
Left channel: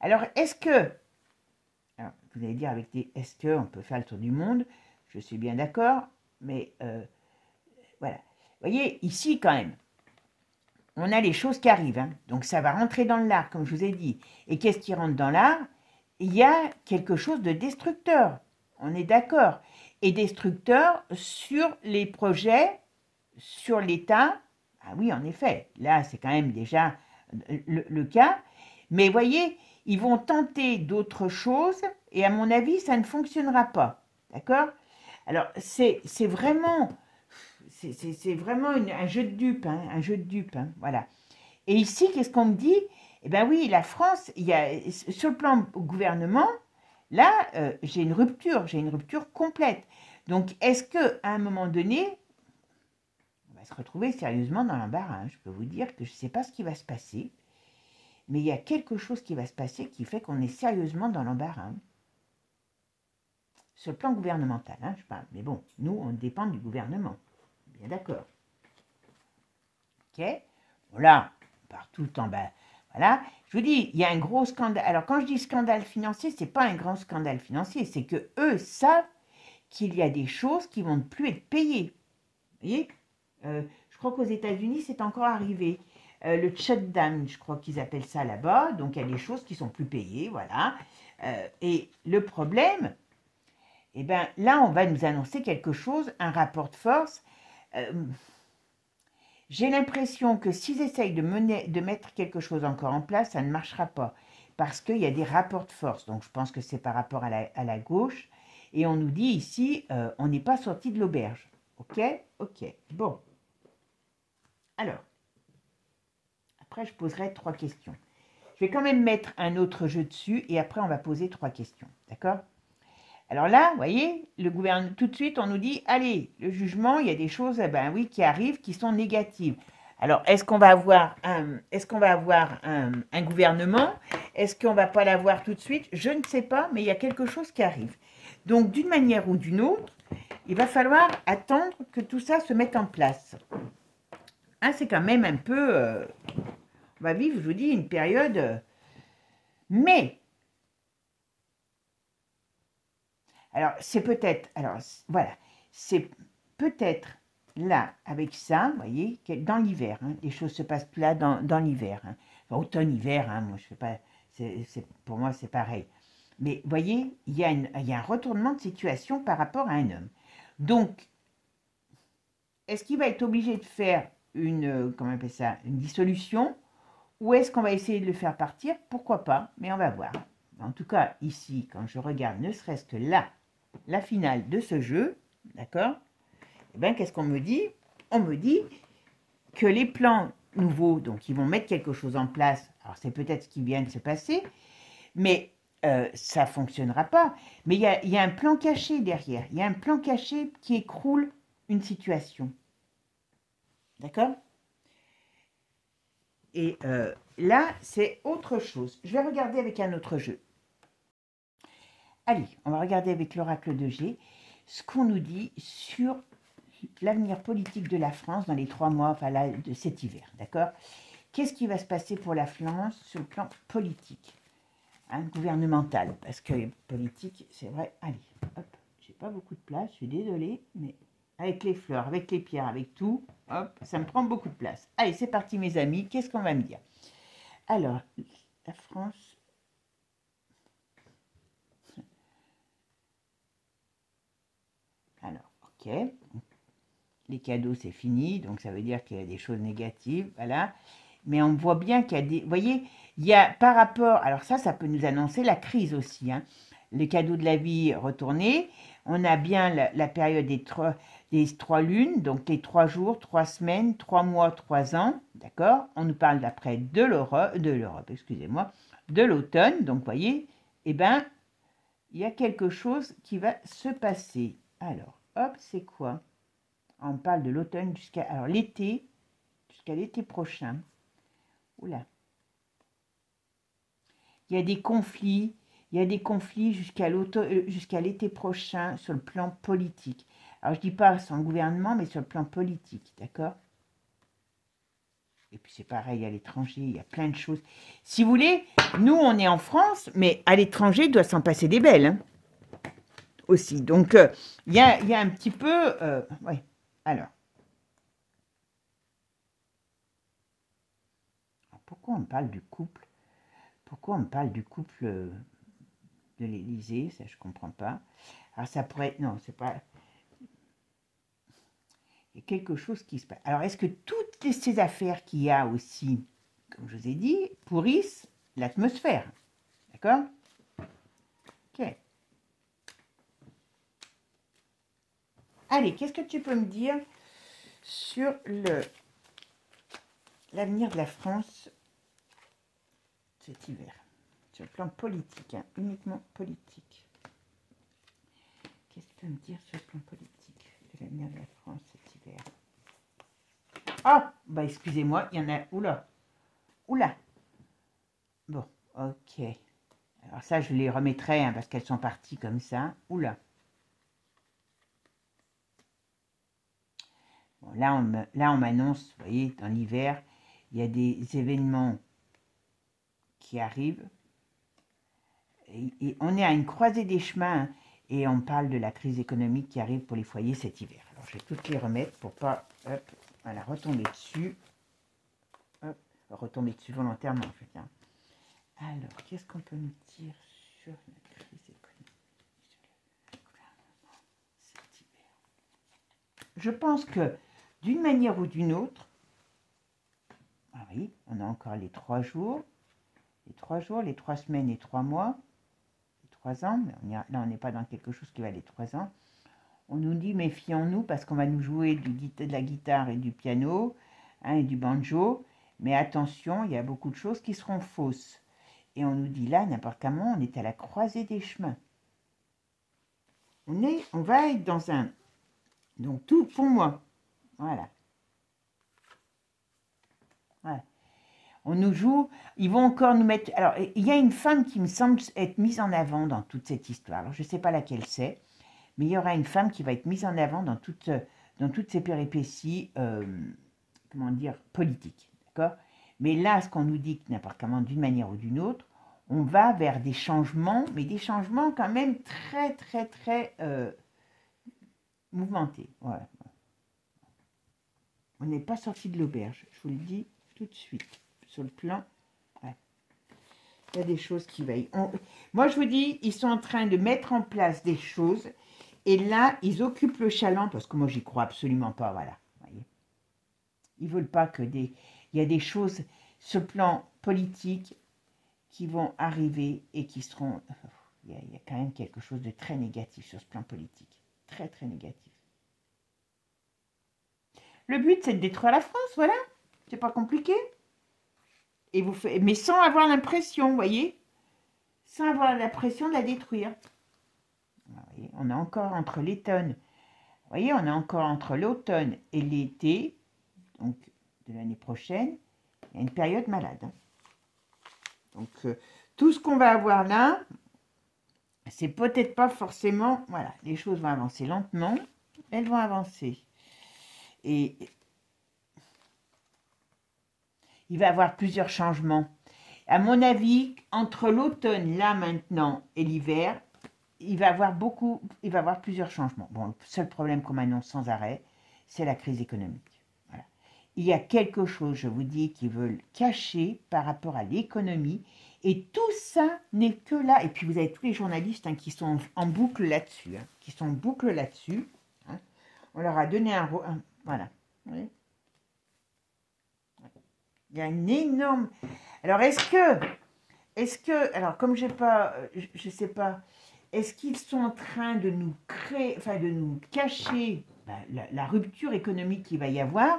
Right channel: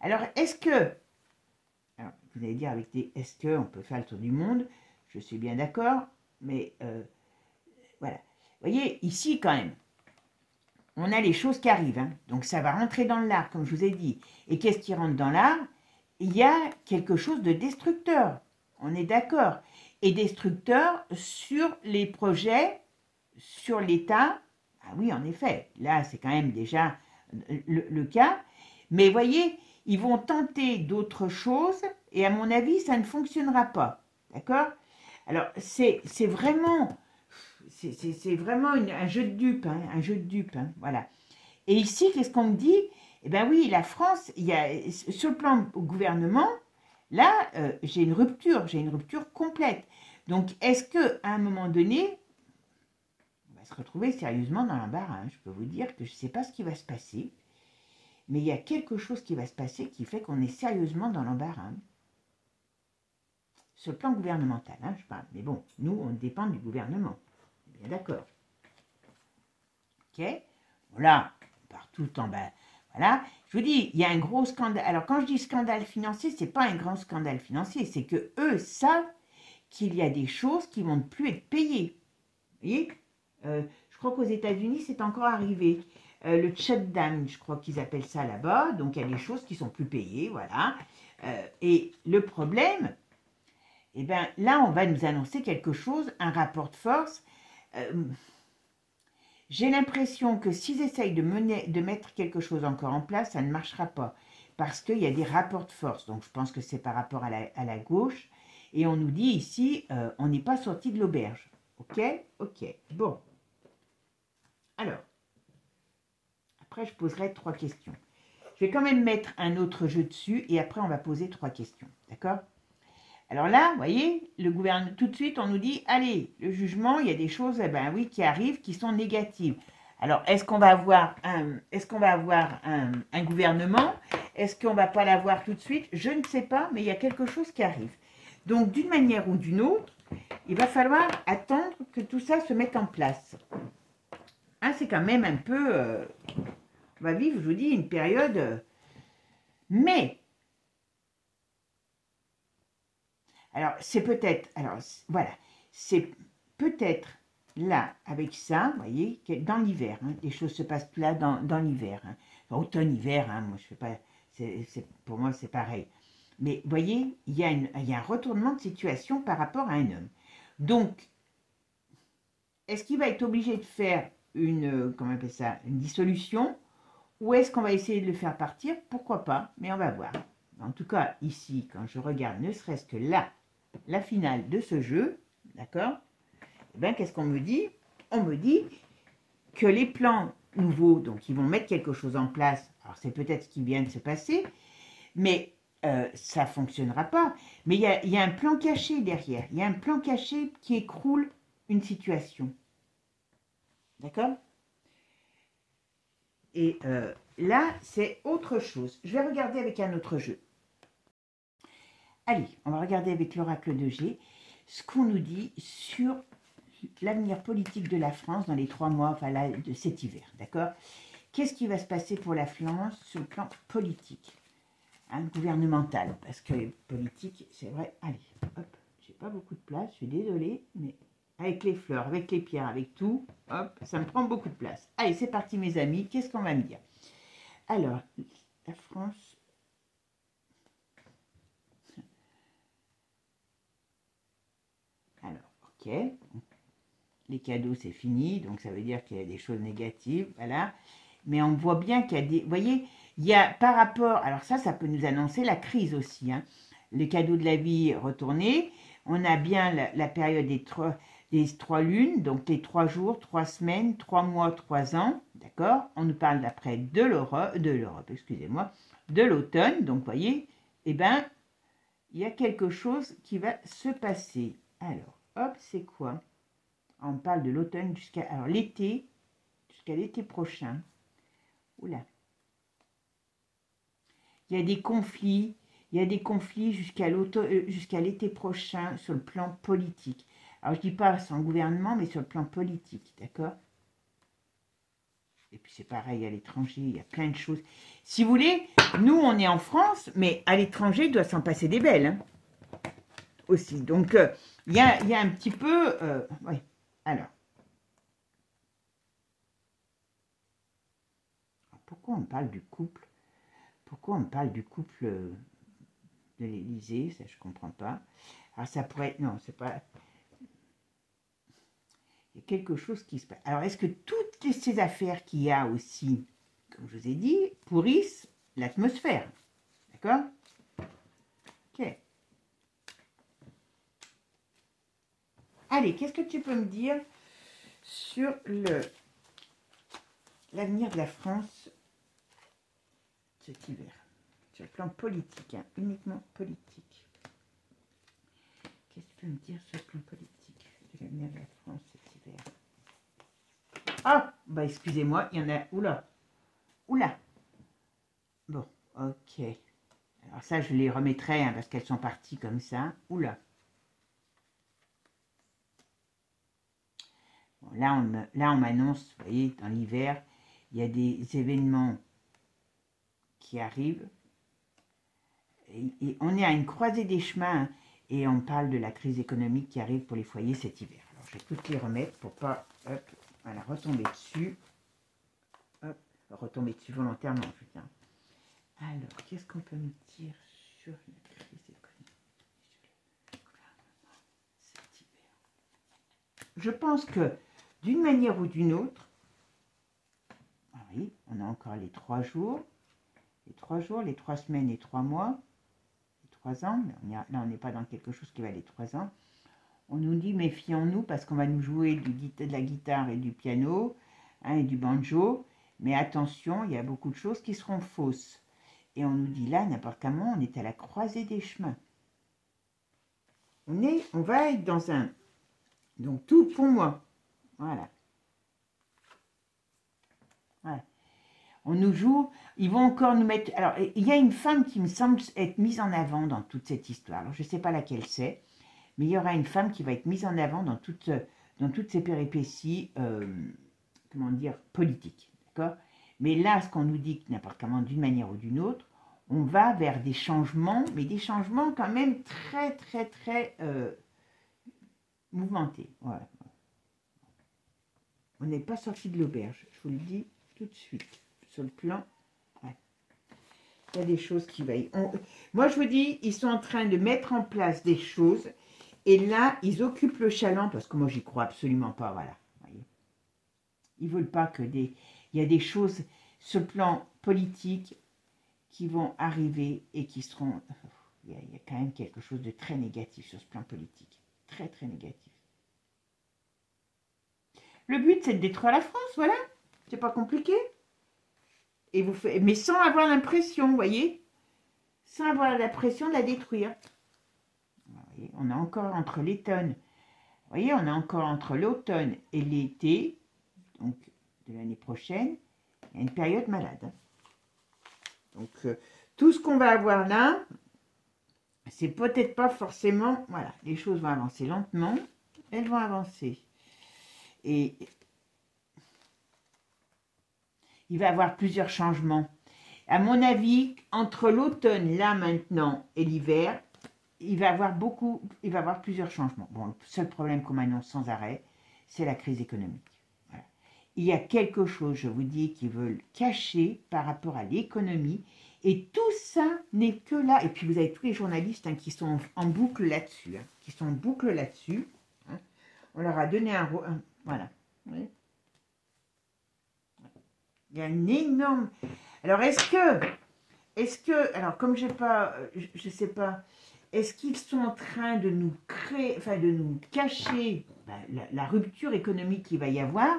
alors est-ce que, alors, vous allez dire avec des est-ce que on peut faire le tour du monde, je suis bien d'accord, mais voilà. Vous voyez, ici quand même, on a les choses qui arrivent, hein. Donc ça va rentrer dans l'art, comme je vous ai dit. Et qu'est-ce qui rentre dans l'art? Il y a quelque chose de destructeur, on est d'accord. Et destructeur sur les projets, sur l'État. Ah oui, en effet, là c'est quand même déjà le cas. Mais voyez, ils vont tenter d'autres choses et à mon avis, ça ne fonctionnera pas. D'accord? Alors, c'est vraiment un jeu de dupes, hein, un jeu de dupes, hein, voilà. Et ici, qu'est-ce qu'on me dit? Eh bien oui, la France, sur le plan gouvernement, là, j'ai une rupture complète. Donc, est-ce qu'à un moment donné, on va se retrouver sérieusement dans l'embarras, hein? Je peux vous dire que je ne sais pas ce qui va se passer, mais il y a quelque chose qui va se passer qui fait qu'on est sérieusement dans l'embarras. Hein. Sur le plan gouvernemental, hein, je parle. Mais bon, nous, on dépend du gouvernement. Bien d'accord. Ok. Voilà, partout en bas. Voilà. Je vous dis, il y a un gros scandale. Alors, quand je dis scandale financier, ce n'est pas un grand scandale financier. C'est que eux savent qu'il y a des choses qui ne vont plus être payées. Vous voyez, je crois qu'aux États-Unis, c'est encore arrivé. Le shutdown, je crois qu'ils appellent ça là-bas. Donc, il y a des choses qui sont plus payées. Voilà. Et le problème, eh bien, là, on va nous annoncer quelque chose, un rapport de force. J'ai l'impression que s'ils essayent de mettre quelque chose encore en place, ça ne marchera pas. Parce qu'il y a des rapports de force. Donc, je pense que c'est par rapport à la gauche. Et on nous dit ici, on n'est pas sorti de l'auberge. Ok? Ok. Bon. Alors, après, je poserai 3 questions. Je vais quand même mettre un autre jeu dessus et après, on va poser 3 questions. D'accord? Alors là, vous voyez, le gouvernement, tout de suite, on nous dit, allez, le jugement, il y a des choses, ben oui, qui arrivent, qui sont négatives. Alors, est-ce qu'on va avoir un gouvernement? Est-ce qu'on ne va pas l'avoir tout de suite? Je ne sais pas, mais il y a quelque chose qui arrive. Donc, d'une manière ou d'une autre, il va falloir attendre que tout ça se mette en place. Hein, c'est quand même un peu... on va vivre, je vous dis, une période... mais... Alors, c'est peut-être... Alors, voilà. C'est peut-être là, avec ça, vous voyez, dans l'hiver. Hein, les choses se passent là dans l'hiver. Hein. Enfin, automne, hiver, hein, moi, je fais pas... pour moi, c'est pareil. Mais, vous voyez, il y a un retournement de situation par rapport à un homme. Donc, est-ce qu'il va être obligé de faire comment on appelle ça, une dissolution, ou est-ce qu'on va essayer de le faire partir? Pourquoi pas, mais on va voir. En tout cas, ici, quand je regarde ne serait-ce que là, la finale de ce jeu, d'accord? Eh bien, qu'est-ce qu'on me dit? On me dit que les plans nouveaux, donc ils vont mettre quelque chose en place, alors c'est peut-être ce qui vient de se passer, mais ça ne fonctionnera pas. Mais il y a un plan caché derrière, il y a un plan caché qui écroule une situation. D'accord? Et là, c'est autre chose. Je vais regarder avec un autre jeu. Allez, on va regarder avec l'oracle de G ce qu'on nous dit sur l'avenir politique de la France dans les 3 mois de cet hiver. D'accord? Qu'est-ce qui va se passer pour la France sur le plan politique, hein, gouvernemental? Parce que politique, c'est vrai. Allez, hop, j'ai pas beaucoup de place, je suis désolée, mais avec les fleurs, avec les pierres, avec tout. Hop, ça me prend beaucoup de place. Allez, c'est parti mes amis, qu'est-ce qu'on va me dire? Alors, la France... Alors, ok. Les cadeaux, c'est fini, donc ça veut dire qu'il y a des choses négatives, voilà. Mais on voit bien qu'il y a des... Vous voyez, il y a par rapport... Alors ça peut nous annoncer la crise aussi, hein. Le cadeau de la vie retourné. On a bien la période des 3 lunes, donc les 3 jours, 3 semaines, 3 mois, 3 ans, d'accord? On nous parle d'après de l'Europe, excusez-moi, de l'automne, donc vous voyez, eh bien, il y a quelque chose qui va se passer. Alors, hop, c'est quoi? On parle de l'automne jusqu'à l'été, jusqu'à l'été prochain. Oula. Il y a des conflits. Il y a des conflits jusqu'à l'été prochain sur le plan politique. Alors, je ne dis pas sans gouvernement, mais sur le plan politique, d'accord? Et puis, c'est pareil à l'étranger, il y a plein de choses. Si vous voulez, nous, on est en France, mais à l'étranger, il doit s'en passer des belles, hein, aussi. Donc, il y a un petit peu... ouais, alors. Pourquoi on parle du couple? Pourquoi on parle du couple... de l'Élysée, ça je comprends pas. Alors ça pourrait être, non, c'est pas, il y a quelque chose qui se passe. Alors est-ce que toutes ces affaires qu'il y a aussi, comme je vous ai dit, pourrissent l'atmosphère, d'accord? Ok. Allez, qu'est-ce que tu peux me dire sur l'avenir de la France cet hiver? Sur le plan politique, hein, uniquement politique. Qu'est-ce que tu peux me dire sur le plan politique de l'avenir de la France cet hiver? Ah, bah excusez-moi, il y en a... Oula, oula. Bon, ok. Alors ça, je les remettrai, hein, parce qu'elles sont parties comme ça. Oula. Bon, là, on m'annonce, vous voyez, dans l'hiver, il y a des événements qui arrivent. Et on est à une croisée des chemins, hein, et on parle de la crise économique qui arrive pour les foyers cet hiver. Alors, je vais toutes les remettre pour pas, hop, voilà, retomber dessus. Hop, retomber dessus volontairement, en fait, hein. Alors, qu'est-ce qu'on peut nous dire sur la crise économique, sur le gouvernement cet hiver? Je pense que, d'une manière ou d'une autre, ah oui, on a encore les 3 jours, les 3 jours, les 3 semaines et 3 mois, 3 ans, mais là on n'est pas dans quelque chose qui va aller 3 ans. On nous dit méfions-nous parce qu'on va nous jouer de la guitare et du piano, hein, et du banjo, mais attention, il y a beaucoup de choses qui seront fausses. Et on nous dit là, n'importe comment, on est à la croisée des chemins. On va être dans un... Donc tout pour moi, voilà. Voilà. On nous joue, ils vont encore nous mettre... Alors, il y a une femme qui me semble être mise en avant dans toute cette histoire. Alors, je ne sais pas laquelle c'est, mais il y aura une femme qui va être mise en avant dans toutes ces péripéties, comment dire, politiques, d'accord? Mais là, ce qu'on nous dit, n'importe comment, d'une manière ou d'une autre, on va vers des changements, mais des changements quand même très, très, très mouvementés. Voilà. On n'est pas sorti de l'auberge, je vous le dis tout de suite. Sur le plan, ouais. Il y a des choses qui veillent. Moi, je vous dis, ils sont en train de mettre en place des choses. Et là, ils occupent le chaland, parce que moi, j'y crois absolument pas, voilà. Voyez. Ils veulent pas que des... Il y a des choses sur le plan politique qui vont arriver et qui seront... Il y a quand même quelque chose de très négatif sur ce plan politique. Très, très négatif. Le but, c'est de détruire la France, voilà. C'est pas compliqué. Et mais sans avoir l'impression, vous voyez, sans avoir l'impression de la détruire. Voyez, on a encore entre l'automne, vous voyez, on a encore entre l'automne et l'été, donc de l'année prochaine, il y a une période malade. Hein. Donc, tout ce qu'on va avoir là, c'est peut-être pas forcément, voilà, les choses vont avancer lentement, elles vont avancer. Et il va y avoir plusieurs changements. À mon avis, entre l'automne, là, maintenant, et l'hiver, il va avoir plusieurs changements. Bon, le seul problème qu'on m'annonce sans arrêt, c'est la crise économique. Voilà. Il y a quelque chose, je vous dis, qu'ils veulent cacher par rapport à l'économie. Et tout ça n'est que là. Et puis vous avez tous les journalistes hein, qui sont en boucle là-dessus. Hein, qui sont en boucle là-dessus. Hein. On leur a donné un... Voilà. Oui. Il y a une énorme... Alors, alors, comme j'ai pas... je sais pas... Est-ce qu'ils sont en train de nous créer... Enfin, de nous cacher la rupture économique qu'il va y avoir?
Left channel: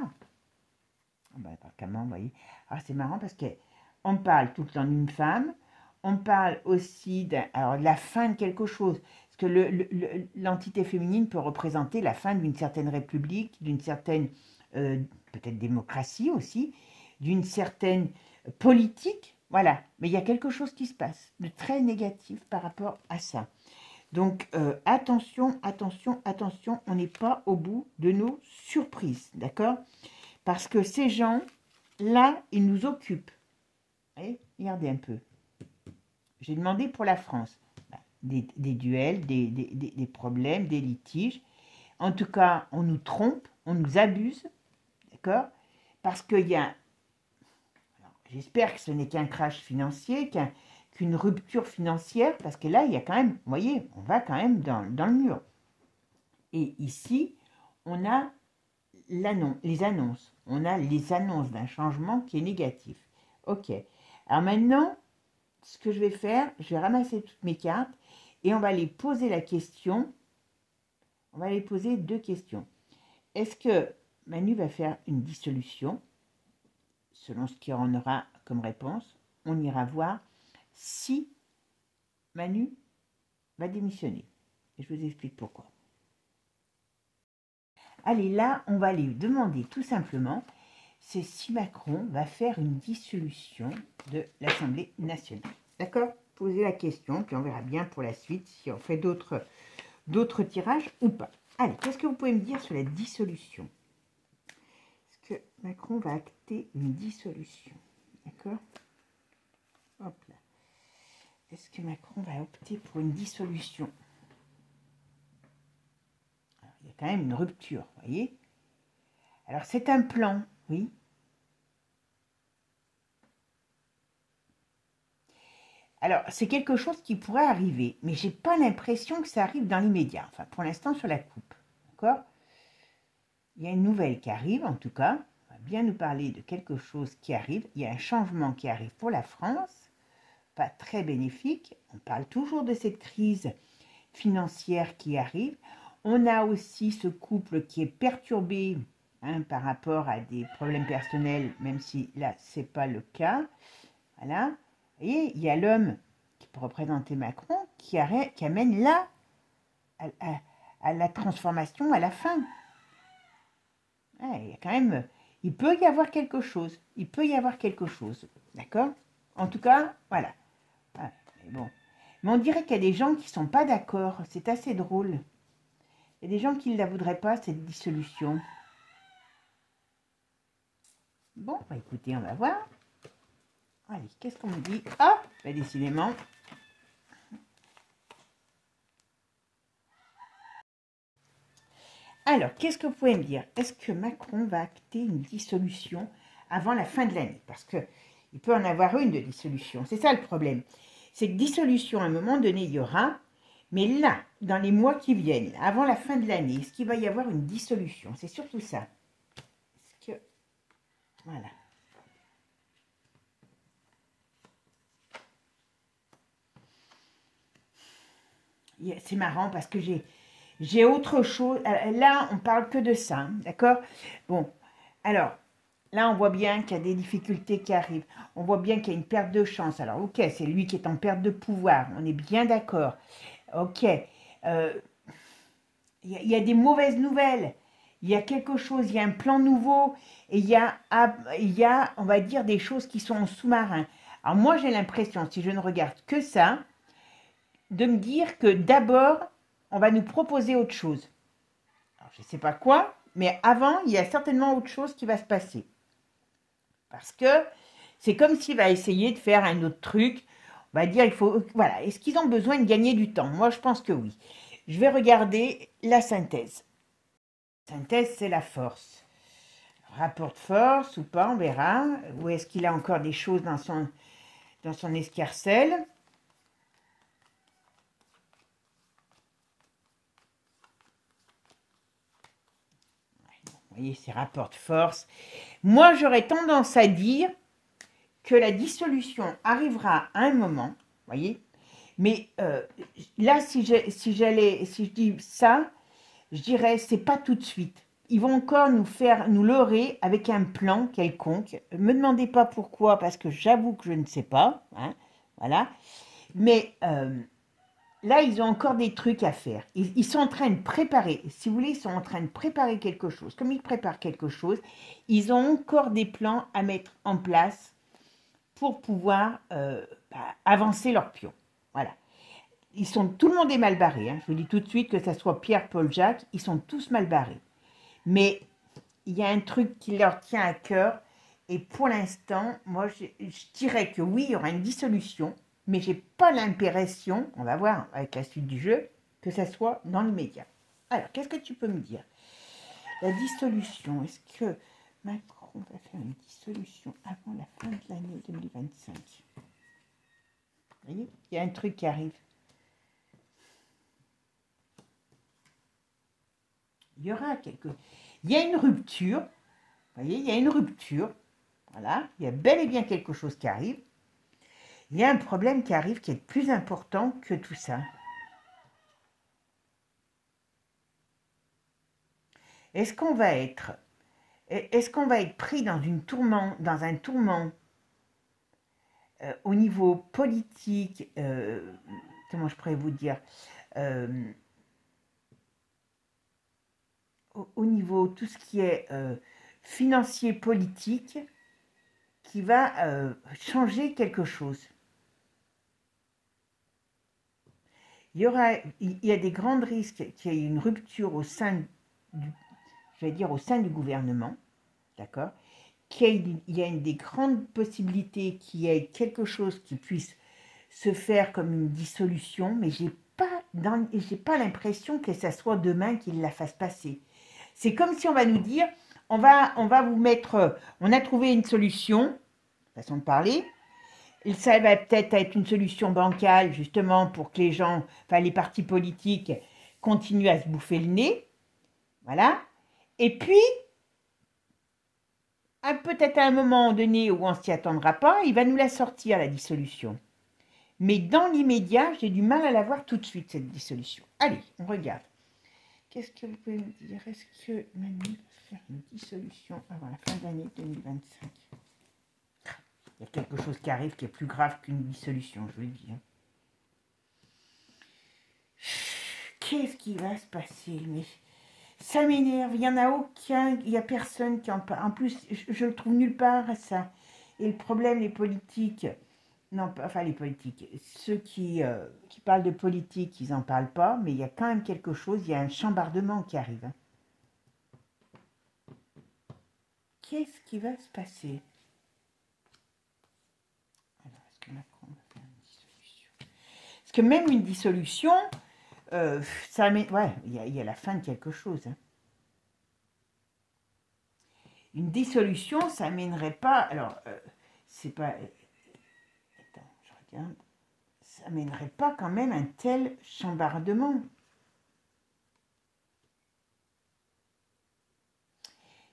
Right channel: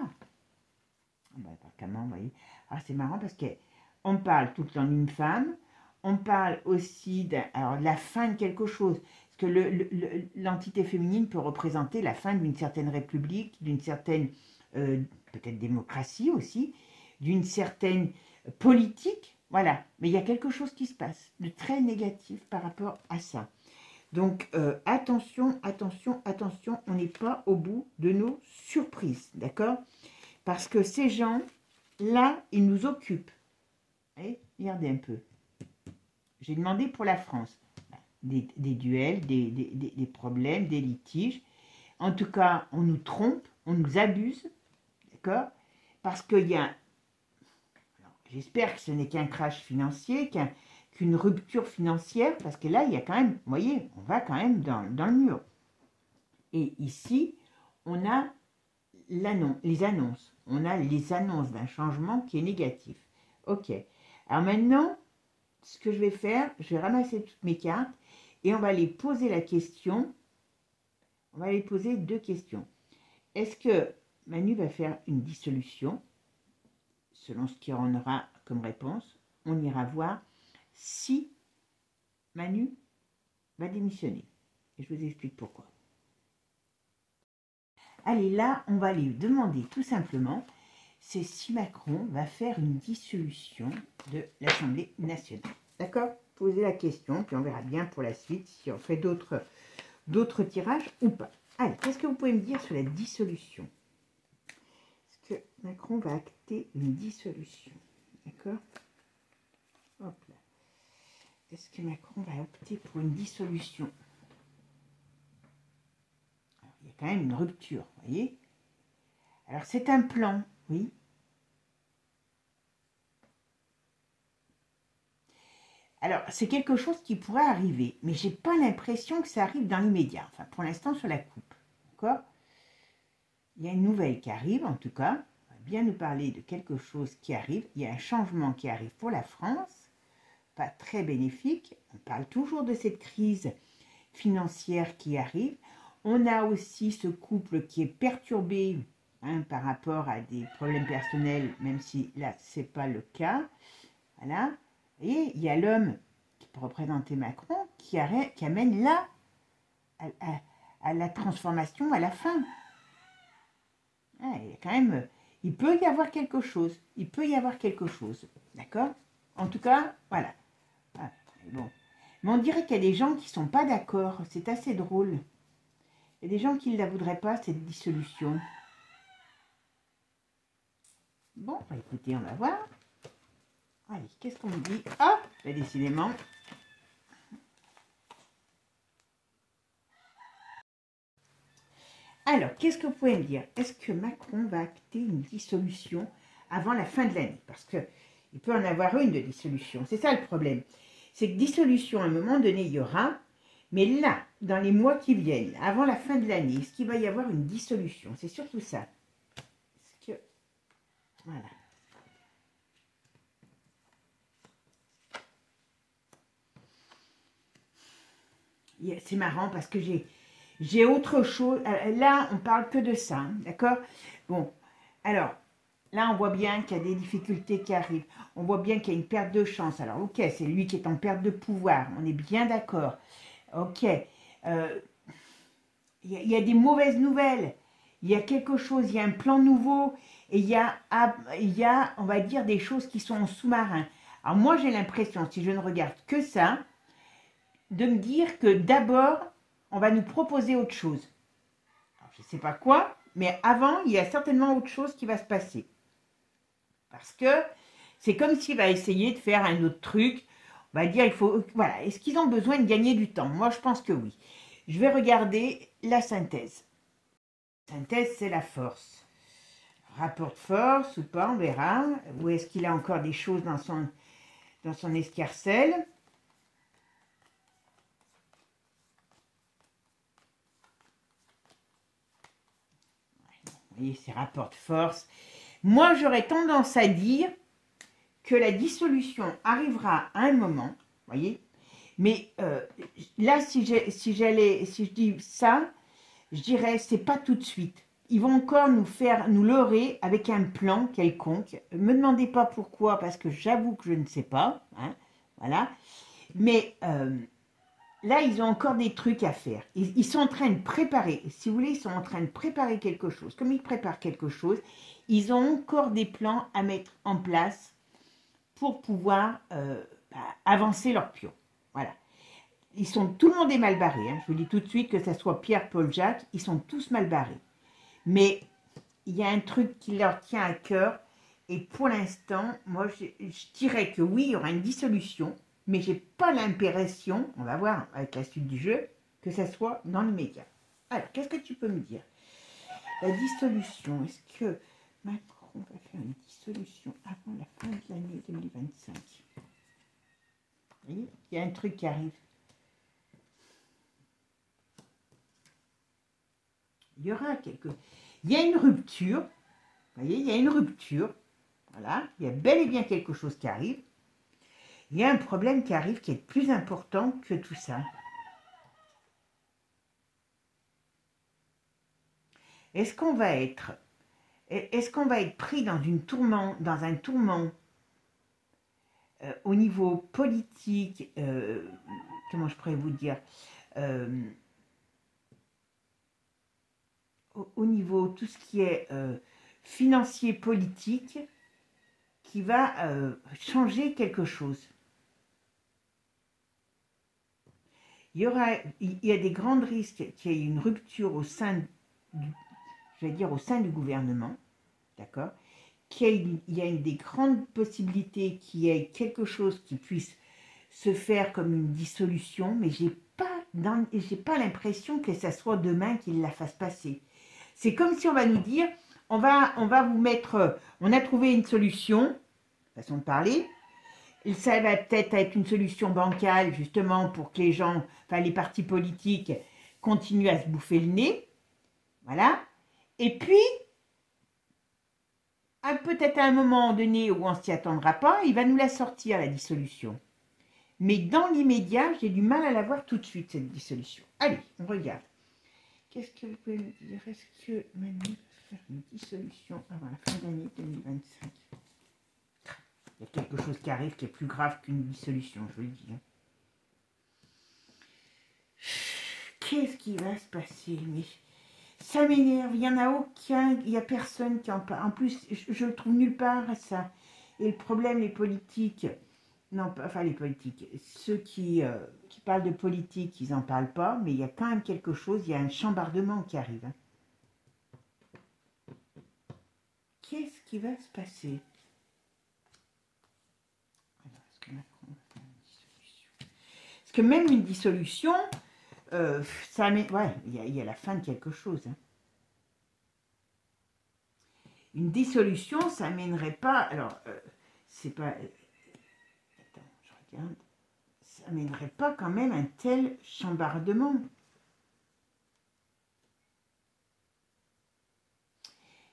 Comment, vous voyez. Alors, c'est marrant parce qu'on parle tout le temps d'une femme. On parle aussi de la fin de quelque chose. Parce que l'entité féminine peut représenter la fin d'une certaine république, d'une certaine... peut-être démocratie aussi, d'une certaine politique, voilà. Mais il y a quelque chose qui se passe de très négatif par rapport à ça. Donc, attention, attention, attention, on n'est pas au bout de nos surprises, d'accord? Parce que ces gens, là, ils nous occupent. Allez, regardez un peu. J'ai demandé pour la France. Des duels, des problèmes, des litiges. En tout cas, on nous trompe, on nous abuse, d'accord? Parce qu'il y a... J'espère que ce n'est qu'un crash financier, qu'une rupture financière, parce que là, il y a quand même... Vous voyez, on va quand même dans le mur. Et ici, on a les annonces. On a les annonces d'un changement qui est négatif. Ok. Alors maintenant, ce que je vais faire, je vais ramasser toutes mes cartes et on va les poser la question. On va les poser deux questions. Est-ce que Manu va faire une dissolution? Selon ce qu'il en aura comme réponse, on ira voir si Manu va démissionner. Et je vous explique pourquoi. Allez, là, on va lui demander tout simplement, c'est si Macron va faire une dissolution de l'Assemblée nationale. D'accord? Posez la question, puis on verra bien pour la suite si on fait d'autres tirages ou pas. Allez, qu'est-ce que vous pouvez me dire sur la dissolution? Est-ce que Macron va acter une dissolution? D'accord? Hop là. Est-ce que Macron va opter pour une dissolution? Alors, il y a quand même une rupture, vous voyez? Alors, c'est un plan, oui. Alors, c'est quelque chose qui pourrait arriver, mais je n'ai pas l'impression que ça arrive dans l'immédiat. Enfin, pour l'instant, sur la coupe. D'accord? Il y a une nouvelle qui arrive, en tout cas. On va bien nous parler de quelque chose qui arrive. Il y a un changement qui arrive pour la France. Pas très bénéfique. On parle toujours de cette crise financière qui arrive. On a aussi ce couple qui est perturbé hein, par rapport à des problèmes personnels, même si là, ce n'est pas le cas. Voilà. Vous voyez, il y a l'homme qui peut représenter Macron qui amène là à la transformation à la fin. Il y a quand même, il peut y avoir quelque chose. Il peut y avoir quelque chose. D'accord? En tout cas, voilà. Bon. Mais on dirait qu'il y a des gens qui ne sont pas d'accord. C'est assez drôle. Il y a des gens qui ne la voudraient pas, cette dissolution. Bon, bah écoutez, on va voir. Allez, qu'est-ce qu'on me dit? Ah, bah décidément. Alors, qu'est-ce que vous pouvez me dire? Est-ce que Macron va acter une dissolution avant la fin de l'année? Parce qu'il peut en avoir une de dissolution. C'est ça le problème. C'est que dissolution, à un moment donné, il y aura. Mais là, dans les mois qui viennent, avant la fin de l'année, est-ce qu'il va y avoir une dissolution? C'est surtout ça. Est-ce que... Voilà. C'est marrant parce que j'ai autre chose. Là, on parle que de ça, hein, d'accord? Bon, alors, là, on voit bien qu'il y a des difficultés qui arrivent. On voit bien qu'il y a une perte de chance. Alors, ok, c'est lui qui est en perte de pouvoir. On est bien d'accord. Ok. Il y a des mauvaises nouvelles. Il y a quelque chose, il y a un plan nouveau. Et il y a, on va dire, des choses qui sont en sous-marin. Alors, moi, j'ai l'impression, si je ne regarde que ça, de me dire que d'abord, on va nous proposer autre chose. Alors, je ne sais pas quoi, mais avant, il y a certainement autre chose qui va se passer. Parce que c'est comme s'il va essayer de faire un autre truc. On va dire, il faut, voilà, est-ce qu'ils ont besoin de gagner du temps? Moi, je pense que oui. Je vais regarder la synthèse. La synthèse, c'est la force. Rapport de force ou pas, on verra. Ou est-ce qu'il a encore des choses dans son escarcelle? Vous voyez, c'est rapport de force. Moi, j'aurais tendance à dire que la dissolution arrivera à un moment, voyez. Mais là, si je dis ça, je dirais c'est pas tout de suite. Ils vont encore nous leurrer avec un plan quelconque. Me demandez pas pourquoi, parce que j'avoue que je ne sais pas. Hein, voilà. Mais là, ils ont encore des trucs à faire. Ils sont en train de préparer, si vous voulez, ils sont en train de préparer quelque chose. Comme ils préparent quelque chose, ils ont encore des plans à mettre en place pour pouvoir avancer leur pion. Voilà. Tout le monde est mal barré. Hein. Je vous dis tout de suite, que ce soit Pierre, Paul, Jacques, ils sont tous mal barrés. Mais il y a un truc qui leur tient à cœur. Et pour l'instant, moi, je dirais que oui, il y aura une dissolution. Mais je n'ai pas l'impression, on va voir avec la suite du jeu, que ça soit dans l'immédiat. Alors, qu'est-ce que tu peux me dire? La dissolution, est-ce que Macron va faire une dissolution avant la fin de l'année 2025? Vous voyez, il y a un truc qui arrive. Il y aura Il y a une rupture. Vous voyez, il y a une rupture. Voilà, il y a bel et bien quelque chose qui arrive. Il y a un problème qui arrive qui est plus important que tout ça. Est-ce qu'on va être pris dans un tourment au niveau politique, comment je pourrais vous dire, au niveau tout ce qui est financier, politique, qui va changer quelque chose. Il y a des grands risques qu'il y ait une rupture au sein du gouvernement, d'accord, il y a des grandes possibilités qu'il y ait quelque chose qui puisse se faire comme une dissolution, mais j'ai pas l'impression que ça soit demain qu'il la fasse passer. C'est comme si on va nous dire, on va vous mettre, on a trouvé une solution, façon de parler. Ça va peut-être être une solution bancale, justement, pour que les gens, enfin les partis politiques, continuent à se bouffer le nez. Voilà. Et puis, peut-être à un moment donné où on ne s'y attendra pas, il va nous la sortir, la dissolution. Mais dans l'immédiat, j'ai du mal à la voir tout de suite, cette dissolution. Allez, on regarde. Qu'est-ce que vous pouvez me dire? Est-ce que Manu va faire une dissolution avant la fin de l'année 2025? Il y a quelque chose qui arrive qui est plus grave qu'une dissolution, je vous le dis. Hein. Qu'est-ce qui va se passer? Mais ça m'énerve, il n'y en a aucun, il n'y a personne qui en parle. En plus, je le trouve nulle part, ça. Et le problème, les politiques, non, enfin les politiques, ceux qui parlent de politique, ils n'en parlent pas, mais il y a quand même quelque chose, il y a un chambardement qui arrive. Hein. Qu'est-ce qui va se passer? Alors, est-ce que Macron va faire une dissolution? Parce que même une dissolution, ça met, ouais, il y a la fin de quelque chose. Hein. Une dissolution, ça amènerait pas, alors, c'est pas, attends, je regarde, ça amènerait pas quand même un tel chambardement.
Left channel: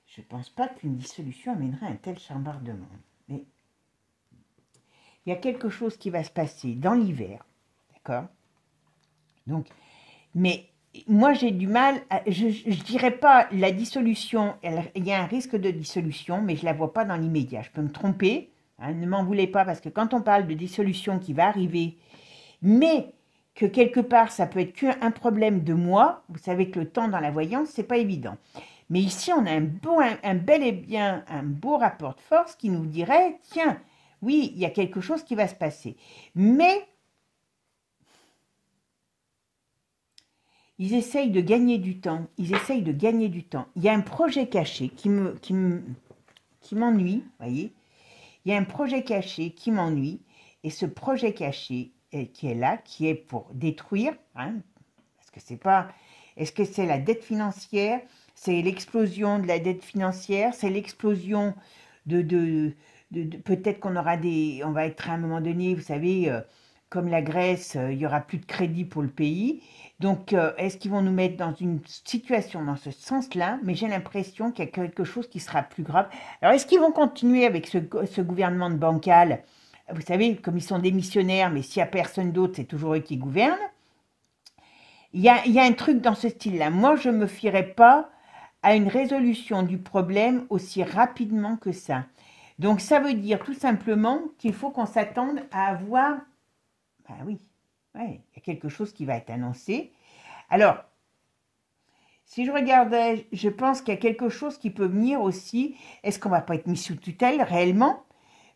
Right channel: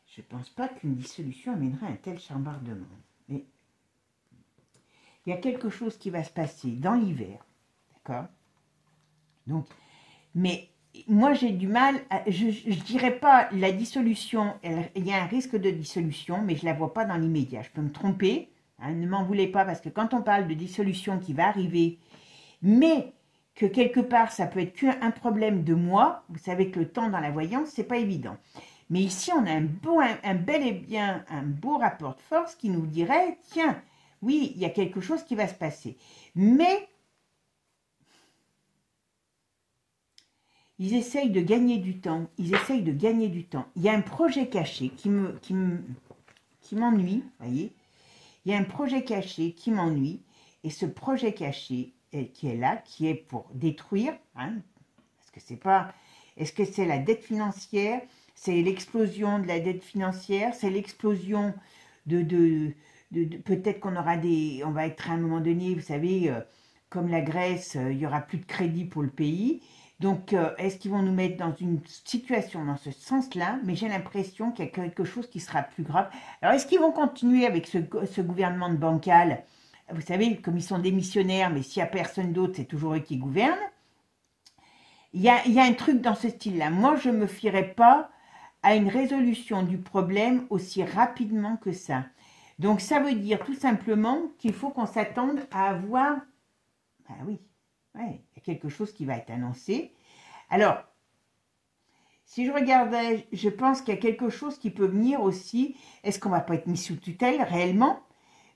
Je pense pas qu'une dissolution amènerait un tel chambardement. Mais il y a quelque chose qui va se passer dans l'hiver, d'accord? Donc, mais moi j'ai du mal, je dirais pas la dissolution, il y a un risque de dissolution, mais je la vois pas dans l'immédiat. Je peux me tromper, hein, ne m'en voulez pas, parce que quand on parle de dissolution qui va arriver, mais que quelque part ça peut être qu'un problème de mois, vous savez que le temps dans la voyance, c'est pas évident. Mais ici, on a un bel et bien un beau rapport de force qui nous dirait, tiens, oui, il y a quelque chose qui va se passer. Mais ils essayent de gagner du temps. Ils essayent de gagner du temps. Il y a un projet caché qui m'ennuie, vous voyez. Il y a un projet caché qui m'ennuie. Et ce projet caché qui est là, qui est pour détruire, hein, parce que c'est pas... Est-ce que c'est la dette financière? C'est l'explosion de la dette financière? C'est l'explosion peut-être qu'on aura des... On va être à un moment donné, vous savez, comme la Grèce, il n'y aura plus de crédit pour le pays. Donc, est-ce qu'ils vont nous mettre dans une situation dans ce sens-là? Mais j'ai l'impression qu'il y a quelque chose qui sera plus grave. Alors, est-ce qu'ils vont continuer avec ce gouvernement de bancal? Vous savez, comme ils sont démissionnaires, mais s'il n'y a personne d'autre, c'est toujours eux qui gouvernent. Il y a un truc dans ce style-là. Moi, je ne me fierai pas à une résolution du problème aussi rapidement que ça. Donc, ça veut dire tout simplement qu'il faut qu'on s'attende à avoir... Ben oui, ouais, il y a quelque chose qui va être annoncé. Alors, si je regardais, je pense qu'il y a quelque chose qui peut venir aussi. Est-ce qu'on ne va pas être mis sous tutelle réellement?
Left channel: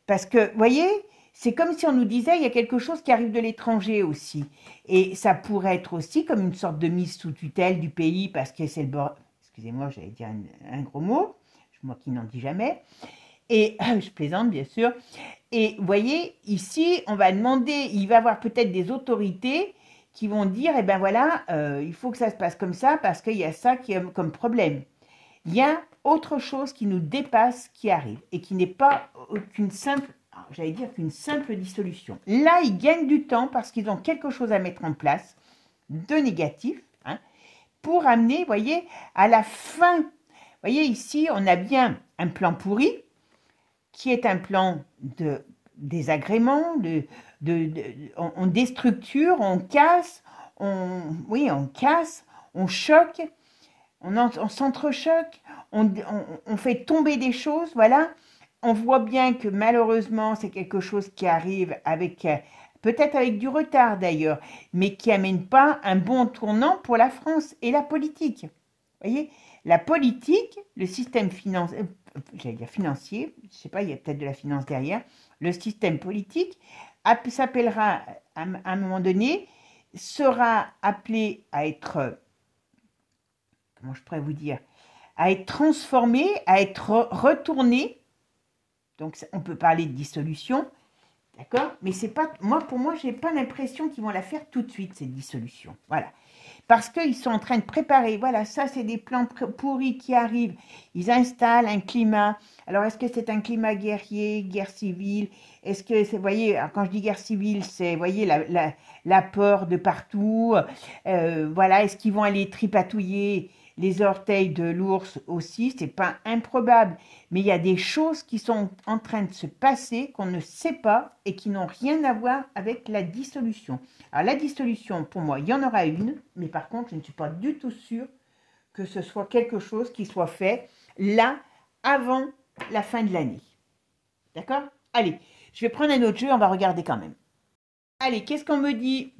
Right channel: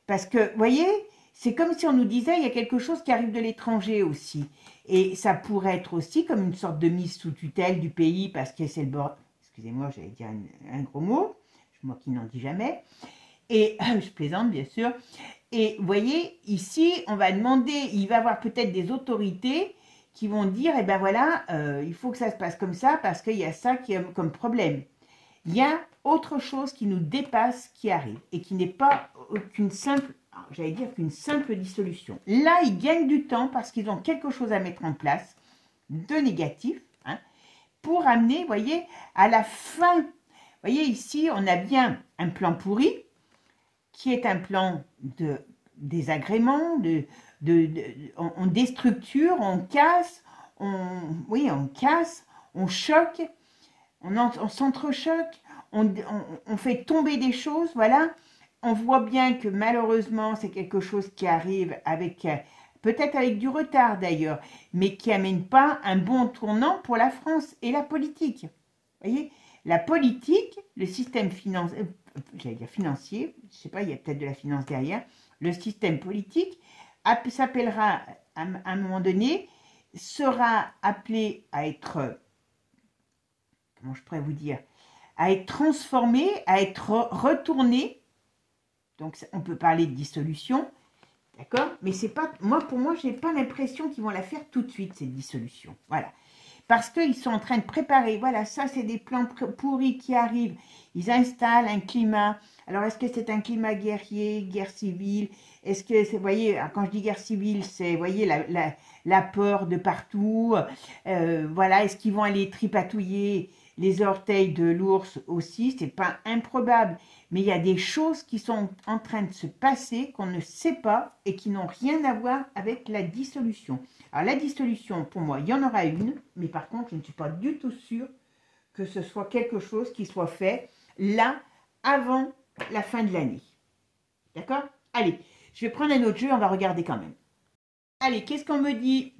Parce que, vous voyez, c'est comme si on nous disait, il y a quelque chose qui arrive de l'étranger aussi. Et ça pourrait être aussi comme une sorte de mise sous tutelle du pays, parce que c'est le bord... Excusez-moi, j'allais dire un gros mot, moi qui n'en dis jamais. Et je plaisante, bien sûr. Et vous voyez, ici, on va demander, il va y avoir peut-être des autorités qui vont dire, eh ben voilà, il faut que ça se passe comme ça, parce qu'il y a ça qui est comme problème. Il y a autre chose qui nous dépasse qui arrive, et qui n'est pas qu'une simple... J'allais dire qu'une simple dissolution. Là, ils gagnent du temps parce qu'ils ont quelque chose à mettre en place de négatif, hein, pour amener, vous voyez, à la fin. Vous voyez, ici, on a bien un plan pourri, qui est un plan de désagrément, on déstructure, on casse, on casse, on choque, on s'entrechoque, on fait tomber des choses, voilà. On voit bien que malheureusement, c'est quelque chose qui arrive avec, peut-être avec du retard d'ailleurs, mais qui n'amène pas un bon tournant pour la France et la politique. Vous voyez, la politique, le système financier, j'allais dire financier, je ne sais pas, il y a peut-être de la finance derrière, le système politique s'appellera à un moment donné, sera appelé à être, comment je pourrais vous dire, à être transformé, à être retourné. Donc, on peut parler de dissolution, d'accord? Mais c'est pas, pour moi, je n'ai pas l'impression qu'ils vont la faire tout de suite, cette dissolution. Voilà. Parce qu'ils sont en train de préparer, voilà, ça, c'est des plans pourris qui arrivent. Ils installent un climat. Alors, est-ce que c'est un climat guerrier, guerre civile? Est-ce que, vous voyez, quand je dis guerre civile, c'est, vous voyez, la peur de partout. Voilà, est-ce qu'ils vont aller tripatouiller les orteils de l'ours aussi? C'est pas improbable. Mais il y a des choses qui sont en train de se passer qu'on ne sait pas et qui n'ont rien à voir avec la dissolution. Alors la dissolution, pour moi, il y en aura une, mais par contre, je ne suis pas du tout sûre que ce soit quelque chose qui soit fait là, avant la fin de l'année. D'accord? Allez, je vais prendre un autre jeu, on va regarder quand même. Allez, qu'est-ce qu'on me dit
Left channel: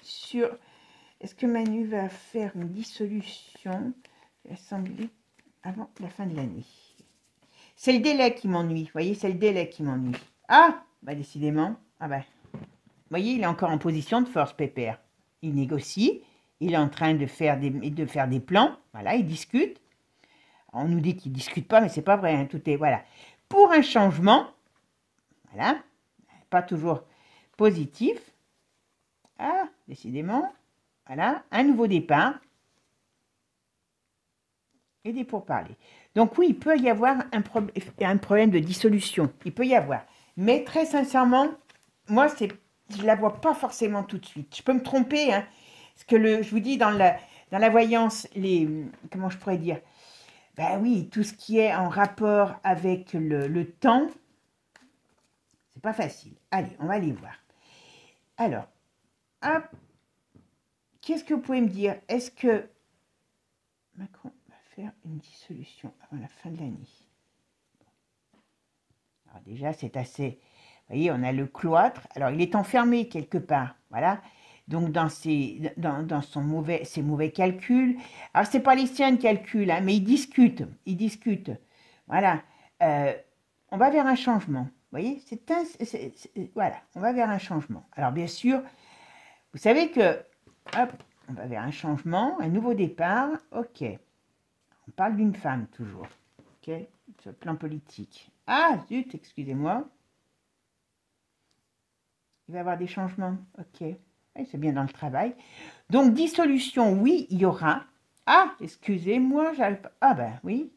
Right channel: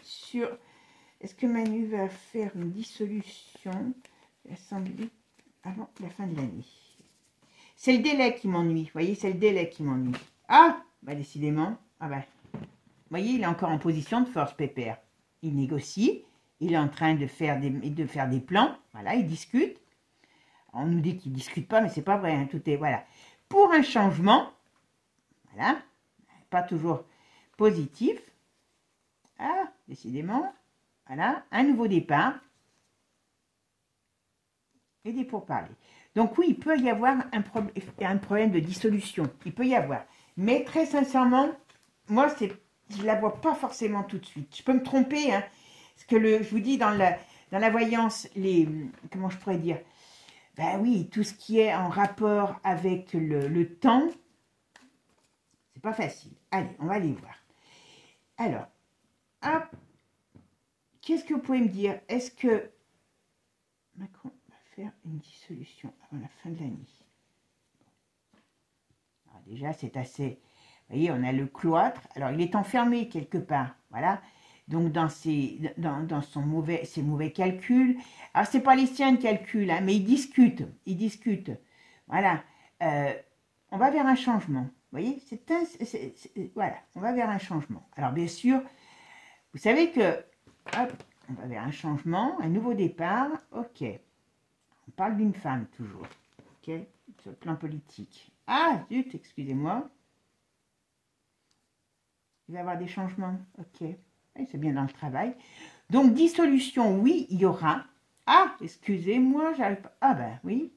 sur... Est-ce que Manu va faire une dissolution de l'Assemblée avant la fin de l'année? C'est le délai qui m'ennuie, vous voyez, c'est le délai qui m'ennuie. Ah, bah décidément, ah bah, vous voyez, il est encore en position de force, Pépère. Il négocie, il est en train de faire des plans, voilà, il discute. On nous dit qu'il ne discute pas, mais c'est pas vrai, hein, tout est, voilà. Pour un changement, voilà, pas toujours positif. Ah, décidément, voilà, un nouveau départ et des pourparlers. Donc oui, il peut y avoir un problème de dissolution. Il peut y avoir. Mais très sincèrement, moi, je ne la vois pas forcément tout de suite. Je peux me tromper. Hein, parce que je vous dis, dans la voyance, comment je pourrais dire? Ben oui, tout ce qui est en rapport avec le temps, c'est pas facile. Allez, on va aller voir. Alors, qu'est-ce que vous pouvez me dire? Est-ce que Macron faire une dissolution avant la fin de l'année? Alors déjà, c'est assez... Vous voyez, on a le cloître. Alors, il est enfermé quelque part. Voilà. Donc, dans ses mauvais calculs. Alors, c'est pas les siens de calcul, hein, mais ils discutent. Ils discutent. Voilà. On va vers un changement. Vous voyez, voilà. On va vers un changement. Alors, bien sûr, vous savez que... Hop, on va vers un changement, un nouveau départ. Ok. On parle d'une femme, toujours. Ok, sur le plan politique. Ah, zut, excusez-moi. Il va y avoir des changements. Ok. Oui, c'est bien dans le travail. Donc, dissolution, oui, il y aura. Ah, excusez-moi, j'arrive pas. Ah ben oui.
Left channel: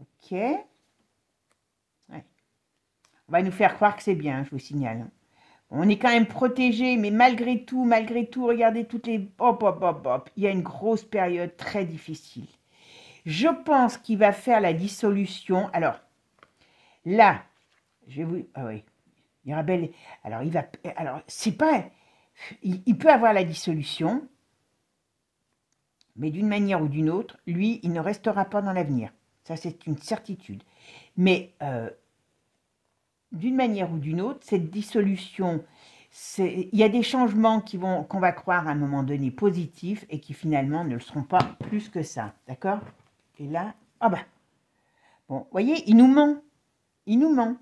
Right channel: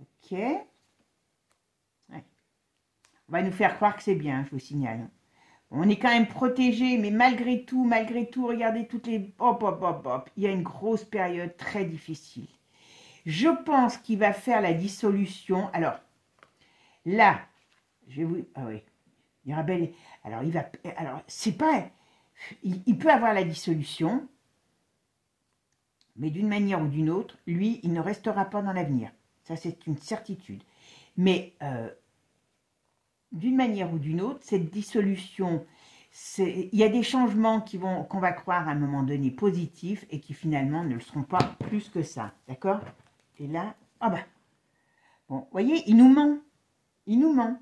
Ok. Ouais. On va nous faire croire que c'est bien, je vous signale. On est quand même protégé, mais malgré tout, regardez toutes les... Hop, hop, hop, hop. Il y a une grosse période très difficile. Je pense qu'il va faire la dissolution. Alors, là, je vais vous... Ah oui. Mirabel, alors il va... Alors, c'est pas... Il peut avoir la dissolution, mais d'une manière ou d'une autre, lui, il ne restera pas dans l'avenir. Ça, c'est une certitude. Mais d'une manière ou d'une autre, cette dissolution, il y a des changements qu'on va croire à un moment donné positifs et qui finalement ne le seront pas plus que ça. D'accord? Et là, ah bah, bon, vous voyez, il nous ment. Il nous ment.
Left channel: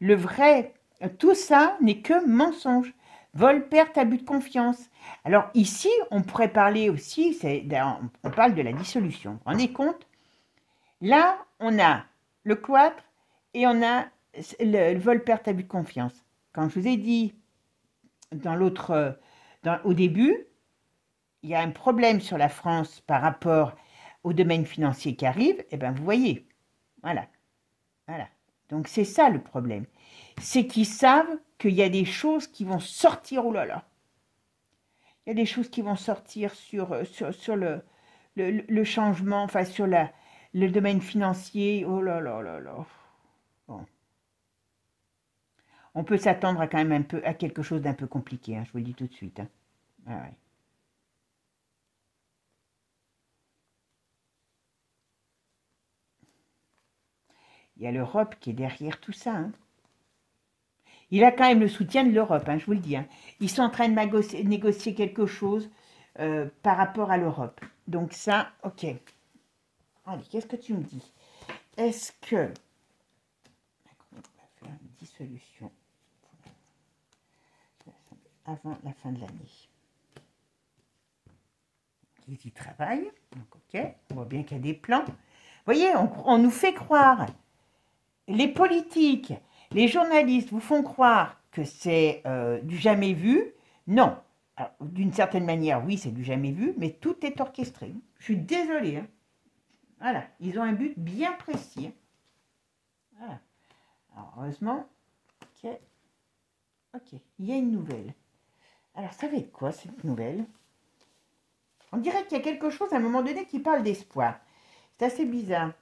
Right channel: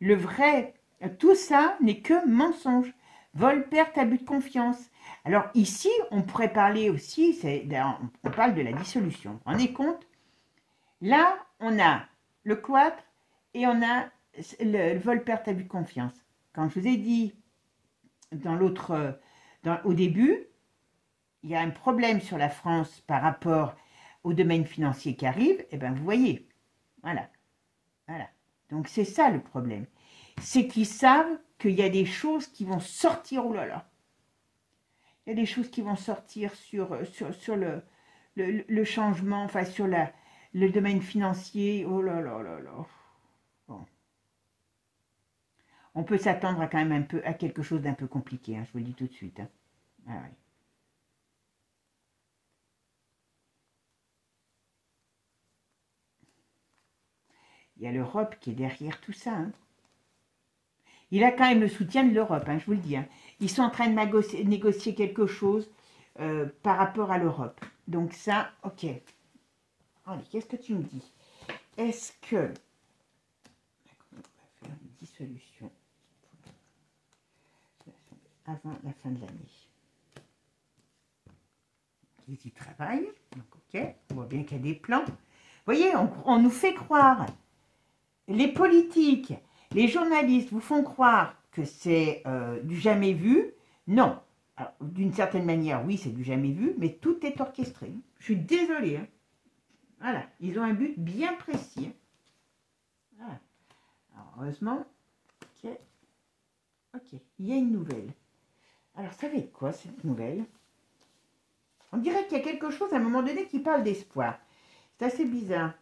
Le vrai, tout ça n'est que mensonge. Vol, perte, abus de confiance. Alors ici, on pourrait parler aussi, on parle de la dissolution. Vous vous rendez compte? Là, on a le cloître et on a le vol, perte, abus de confiance. Quand je vous ai dit au début, il y a un problème sur la France par rapport au domaine financier qui arrive, et bien vous voyez, voilà. Donc c'est ça le problème. C'est qu'ils savent qu'il y a des choses qui vont sortir, oh là là, il y a des choses qui vont sortir sur le changement, enfin sur le domaine financier, oh là là là là. Bon. On peut s'attendre à quand même à quelque chose d'un peu compliqué, hein, je vous le dis tout de suite. Hein. Ah ouais. Il y a l'Europe qui est derrière tout ça. Hein. Il a quand même le soutien de l'Europe, hein, je vous le dis. Hein. Ils sont en train de négocier quelque chose par rapport à l'Europe. Donc ça, ok. Allez, qu'est-ce que tu me dis? Est-ce que... On va faire une dissolution avant la fin de l'année. Ils y travaillent. Donc ok, on voit bien qu'il y a des plans. Vous voyez, on nous fait croire... Les politiques, les journalistes vous font croire que c'est du jamais vu. Non. D'une certaine manière, oui, c'est du jamais vu, mais tout est orchestré. Je suis désolée. Hein. Voilà. Ils ont un but bien précis. Hein. Voilà. Alors, heureusement, ok. Ok. Il y a une nouvelle. Alors, ça va être quoi, cette nouvelle? On dirait qu'il y a quelque chose à un moment donné qui parle d'espoir. C'est assez bizarre.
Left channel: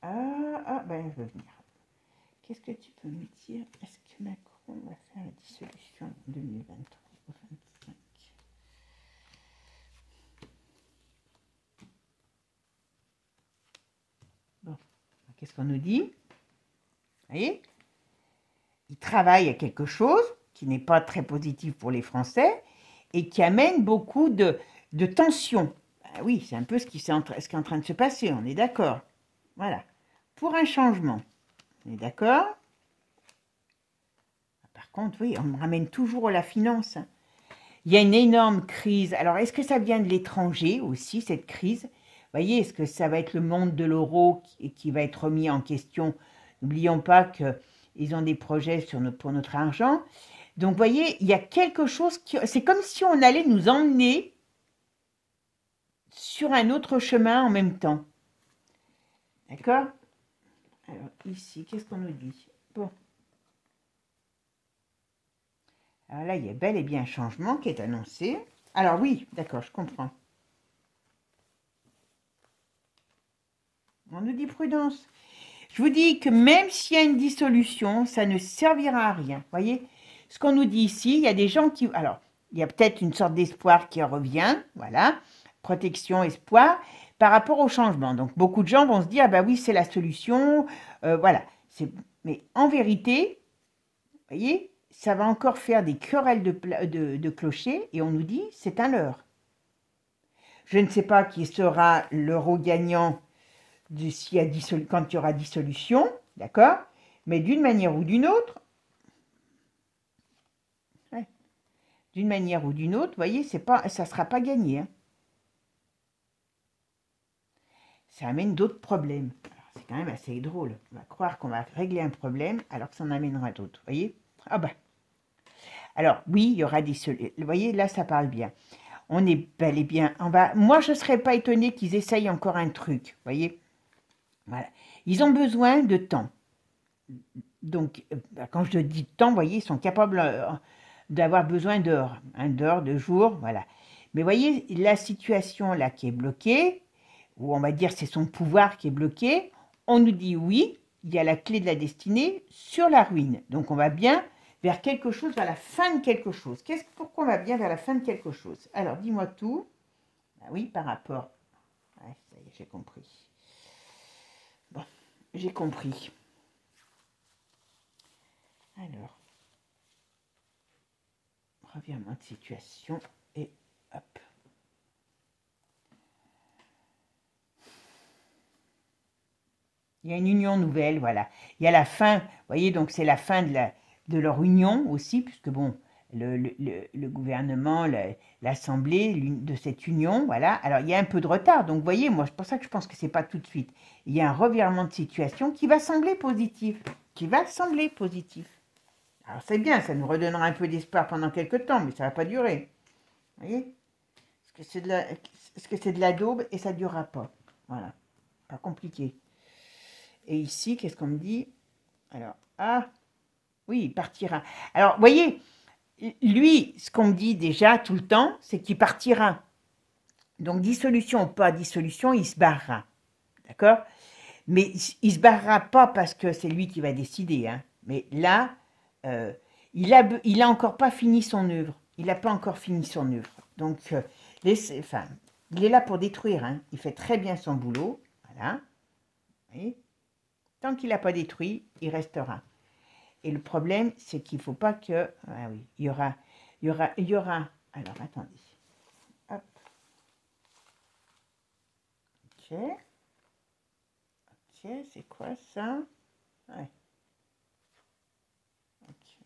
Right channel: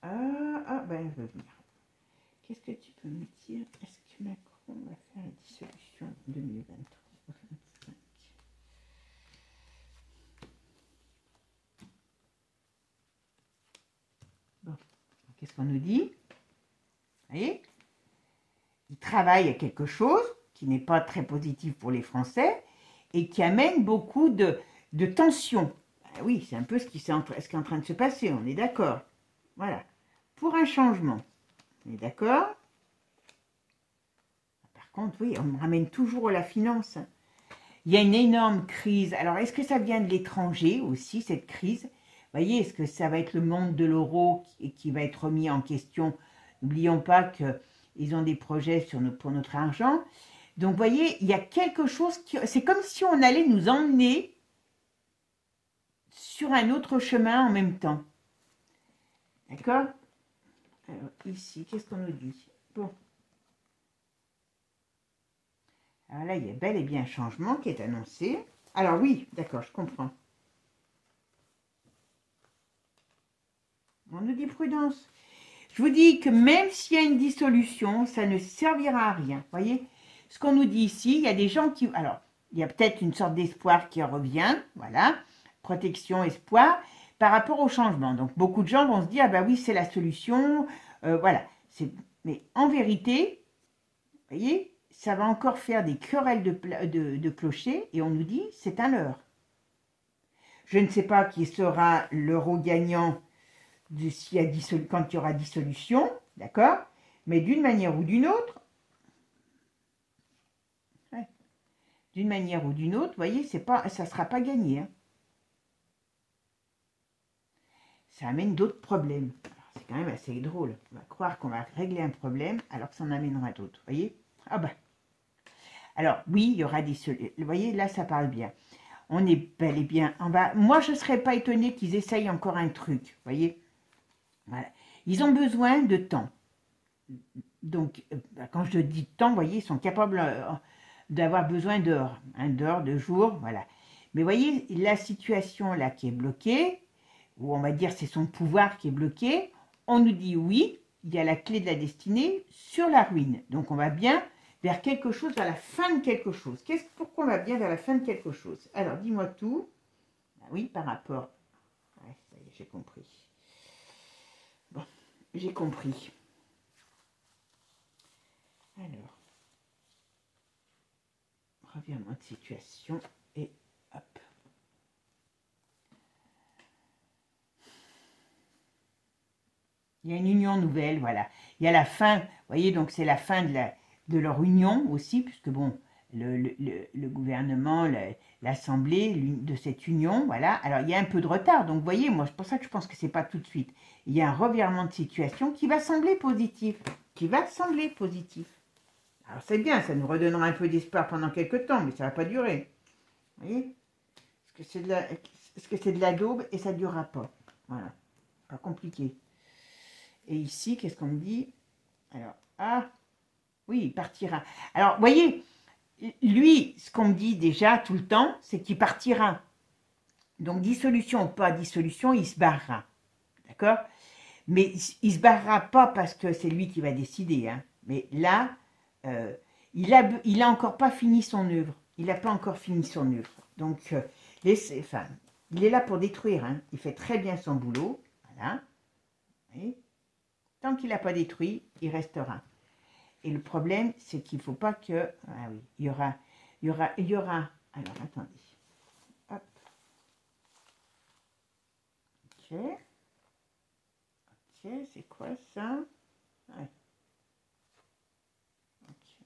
Alors, ben, je veux venir. Qu'est-ce que tu peux me dire? Est-ce que Macron va faire la dissolution 2023-2025? Bon, qu'est-ce qu'on nous dit? Vous voyez? Il travaille à quelque chose qui n'est pas très positif pour les Français et qui amène beaucoup de tensions. Ben oui, c'est un peu ce qui est en train de se passer, on est d'accord. Voilà. Pour un changement. On est d'accord? Par contre, oui, on me ramène toujours à la finance. Il y a une énorme crise. Alors, est-ce que ça vient de l'étranger aussi, cette crise? Vous voyez, est-ce que ça va être le monde de l'euro qui va être remis en question? N'oublions pas qu'ils ont des projets pour notre argent. Donc, vous voyez, il y a quelque chose qui... C'est comme si on allait nous emmener sur un autre chemin en même temps. D'accord? Alors, ici, qu'est-ce qu'on nous dit? Bon. Alors là, il y a bel et bien un changement qui est annoncé. Alors oui, d'accord, je comprends. On nous dit prudence. Je vous dis que même s'il y a une dissolution, ça ne servira à rien. Vous voyez? Ce qu'on nous dit ici, il y a des gens qui... Alors, il y a peut-être une sorte d'espoir qui revient. Voilà. Protection, espoir. Par rapport au changement. Donc, beaucoup de gens vont se dire, ah ben oui, c'est la solution. Voilà. Mais en vérité, vous voyez, ça va encore faire des querelles de clochers et on nous dit, c'est un leurre. Je ne sais pas qui sera l'euro gagnant quand il y aura dissolution, d'accord? Mais d'une manière ou d'une autre, d'une manière ou d'une autre, vous voyez, ça ne sera pas gagné. Hein. Ça amène d'autres problèmes. Alors, C'est quand même assez drôle. On va croire qu'on va régler un problème alors que ça en amènera d'autres. Vous voyez? Ah bah. Alors, oui, il y aura des solutions. Vous voyez, là, ça parle bien. On est bel et bien. Moi, je ne serais pas étonnée qu'ils essayent encore un truc. Vous voyez? Voilà. Ils ont besoin de temps. Donc, quand je dis temps, vous voyez, ils sont capables d'avoir besoin d'heures. Hein, d'heures, de jours, voilà. Mais vous voyez, la situation là qui est bloquée, ou on va dire c'est son pouvoir qui est bloqué, on nous dit oui, il y a la clé de la destinée sur la ruine. Donc on va bien vers quelque chose, vers la fin de quelque chose. Pourquoi on va bien vers la fin de quelque chose? Alors dis-moi tout. Ah oui, par rapport. Ouais, ça y est, j'ai compris. Bon, j'ai compris. Alors, revirement de situation et hop. Il y a une union nouvelle, voilà. Il y a la fin, vous voyez, donc c'est la fin de leur union aussi, puisque bon, le gouvernement, l'Assemblée de cette union, voilà. Alors il y a un peu de retard, donc vous voyez, moi c'est pour ça que je pense que c'est pas tout de suite. Il y a un revirement de situation qui va sembler positif, Alors c'est bien, ça nous redonnera un peu d'espoir pendant quelques temps, mais ça va pas durer. Vous voyez? Parce que c'est de la daube et ça ne durera pas. Voilà, pas compliqué. Et ici, qu'est-ce qu'on me dit? Alors, ah, oui, il partira. Alors, vous voyez, lui, ce qu'on me dit déjà tout le temps, c'est qu'il partira. Donc, dissolution ou pas dissolution, il se barrera. D'accord? Mais il se barrera pas parce que c'est lui qui va décider. Hein. Mais là, il a encore pas fini son œuvre. Il n'a pas encore fini son œuvre. Donc, il est là pour détruire. Hein. Il fait très bien son boulot. Voilà. Vous voyez? Tant qu'il n'a pas détruit, il restera. Et le problème, c'est qu'il ne faut pas que... Ah oui, il y aura... Alors, attendez. Hop. Ok. Ok, c'est quoi ça? Ouais. Okay.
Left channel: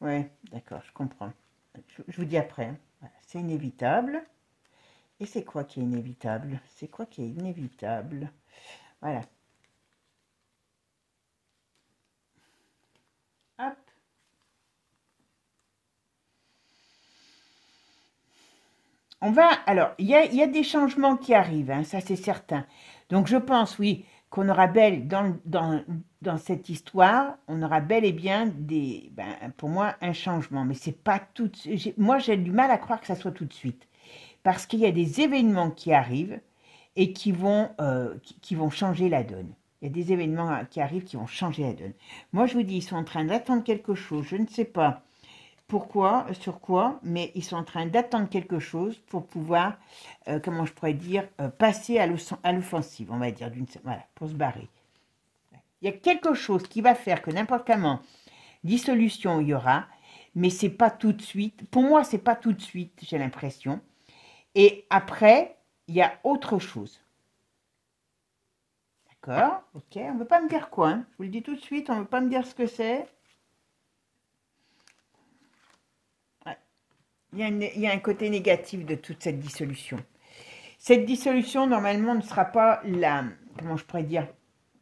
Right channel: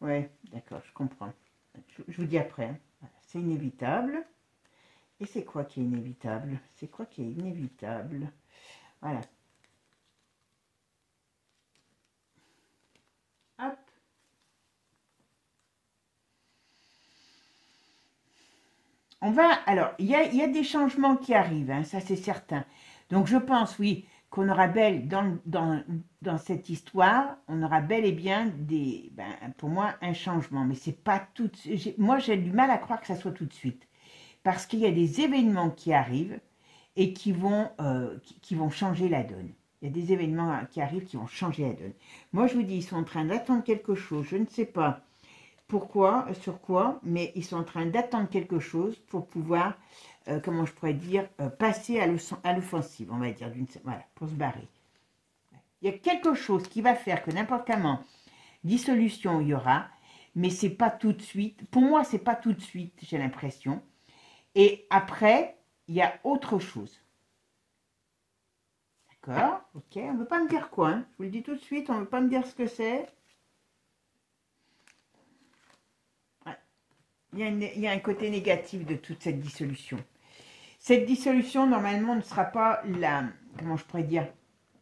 Ouais, d'accord, je comprends. Je vous dis après. Hein. Voilà, c'est inévitable. Et c'est quoi qui est inévitable? C'est quoi qui est inévitable? Voilà. Hop. On va, alors, il y a des changements qui arrivent, hein, ça c'est certain. Donc je pense, oui, qu'on aura dans cette histoire, on aura bel et bien pour moi, un changement. Mais c'est pas tout de suite. Moi, j'ai du mal à croire que ça soit tout de suite. Parce qu'il y a des événements qui arrivent et qui vont changer la donne. Il y a des événements qui arrivent qui vont changer la donne. Moi, je vous dis, ils sont en train d'attendre quelque chose, je ne sais pas pourquoi, sur quoi, mais ils sont en train d'attendre quelque chose pour pouvoir, comment je pourrais dire, passer à l'offensive, on va dire, voilà, pour se barrer. Il y a quelque chose qui va faire que n'importe comment, dissolution il y aura, mais c'est pas tout de suite. Pour moi, c'est pas tout de suite, j'ai l'impression. Et après, il y a autre chose. D'accord? Ok, on ne veut pas me dire quoi, hein. Je vous le dis tout de suite, on ne veut pas me dire ce que c'est. Il y a un côté négatif de toute cette dissolution. Cette dissolution, normalement, ne sera pas comment je pourrais dire,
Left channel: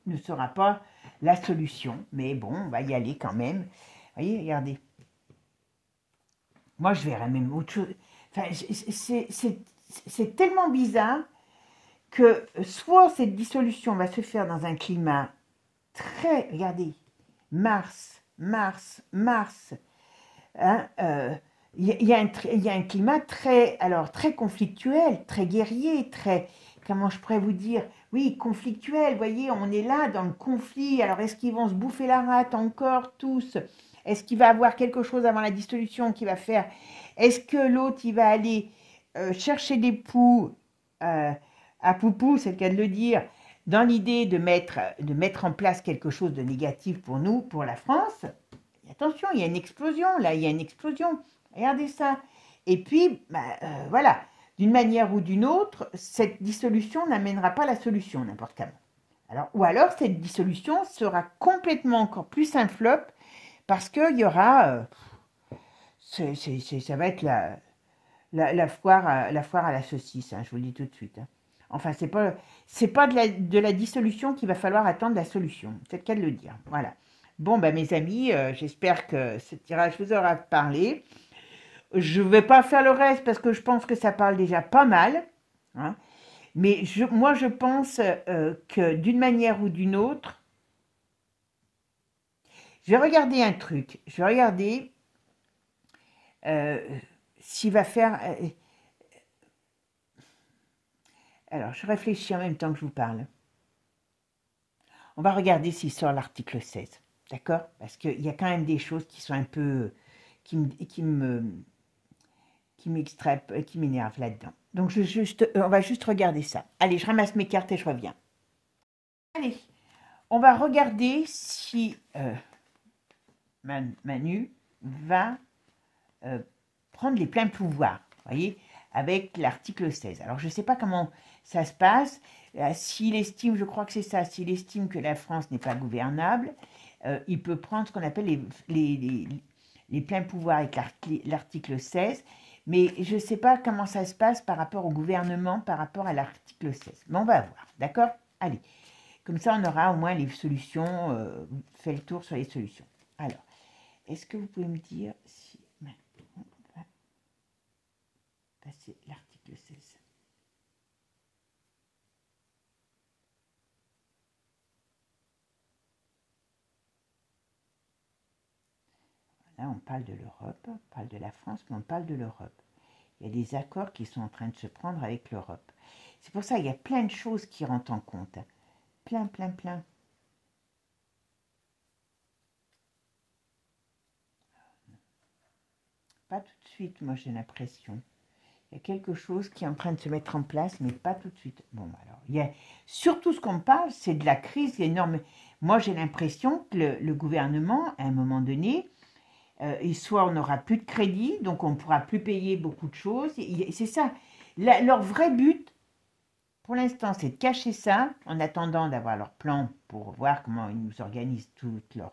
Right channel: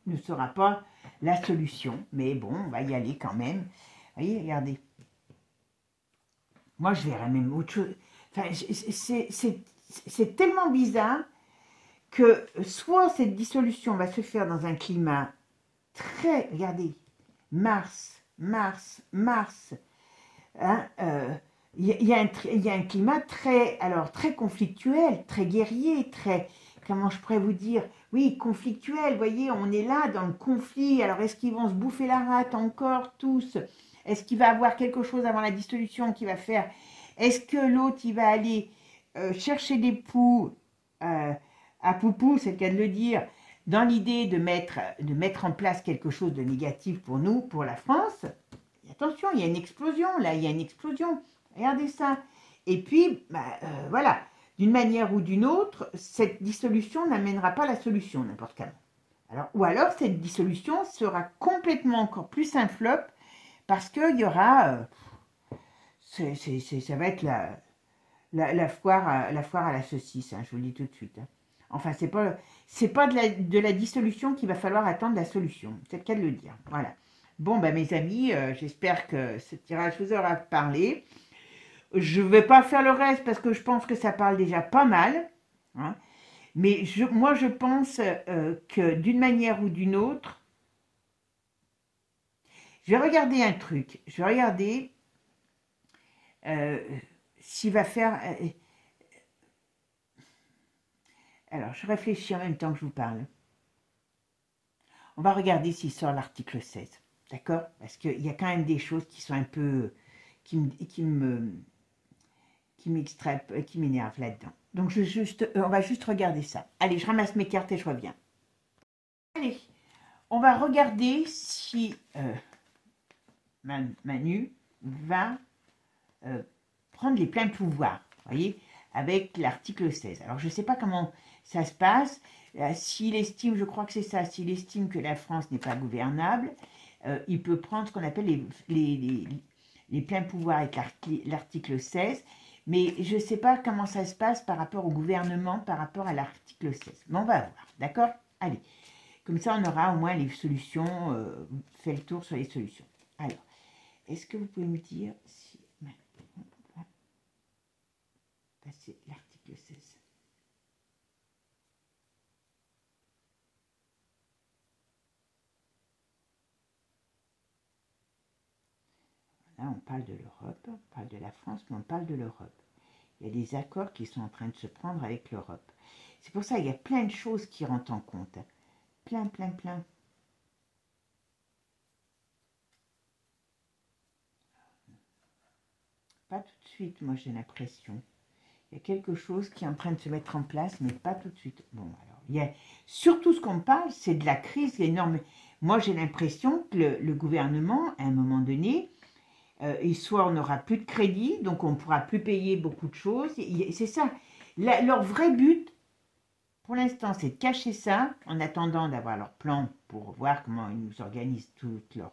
ne sera pas la solution. Mais bon, on va y aller quand même. Vous voyez, regardez. Moi, je verrais même autre chose. Enfin, c'est tellement bizarre que soit cette dissolution va se faire dans un climat très, regardez, Mars, hein, il y a un climat très conflictuel, très guerrier, très, comment je pourrais vous dire, oui, conflictuel, vous voyez, on est là dans le conflit, alors est-ce qu'ils vont se bouffer la rate encore tous? Est-ce qu'il va avoir quelque chose avant la dissolution qui va faire? Est-ce que l'autre, il va aller chercher des poux à Poupou, c'est le cas de le dire, dans l'idée de mettre en place quelque chose de négatif pour nous, pour la France? Attention, il y a une explosion, là, il y a une explosion. Regardez ça. Et puis, voilà, d'une manière ou d'une autre, cette dissolution n'amènera pas la solution, n'importe comment. Alors, ou alors, cette dissolution sera complètement encore plus un flop, parce qu'il y aura... ça va être la foire à la saucisse, hein, je vous le dis tout de suite. Hein. Enfin, c'est pas de la dissolution qu'il va falloir attendre la solution. C'est le cas de le dire. Voilà. Bon, bah, mes amis, j'espère que ce tirage vous aura parlé. Je ne vais pas faire le reste parce que je pense que ça parle déjà pas mal. Hein. Mais moi, je pense que d'une manière ou d'une autre, je vais regarder un truc. Je vais regarder s'il va faire... alors, je réfléchis en même temps que je vous parle. On va regarder s'il sort l'article 16. D'accord? Parce qu'il y a quand même des choses qui sont un peu... qui m'énervent là-dedans. Donc, on va juste regarder ça. Allez, je ramasse mes cartes et je reviens. Allez, on va regarder si Manu va prendre les pleins pouvoirs, voyez, avec l'article 16. Alors, je ne sais pas comment ça se passe. S'il estime, je crois que c'est ça, s'il estime que la France n'est pas gouvernable, il peut prendre ce qu'on appelle les pleins pouvoirs avec l'article 16. Mais je ne sais pas comment ça se passe par rapport au gouvernement, par rapport à l'article 16. Mais on va voir, d'accord? Allez, comme ça on aura au moins les solutions, fait le tour sur les solutions. Alors, est-ce que vous pouvez me dire si... on va passer l'article 16. Là, on parle de l'Europe, on parle de la France, mais on parle de l'Europe. Il y a des accords qui sont en train de se prendre avec l'Europe. C'est pour ça qu'il y a plein de choses qui rentrent en compte. Plein. Pas tout de suite, moi j'ai l'impression. Il y a quelque chose qui est en train de se mettre en place, mais pas tout de suite. Bon, alors, il y a surtout ce qu'on parle, c'est de la crise énorme. Moi j'ai l'impression que le gouvernement, à un moment donné, et soit on n'aura plus de crédit, donc on ne pourra plus payer beaucoup de choses. C'est ça. Leur vrai but, pour l'instant, c'est de cacher ça, en attendant d'avoir leur plan pour voir comment ils nous organisent toute leur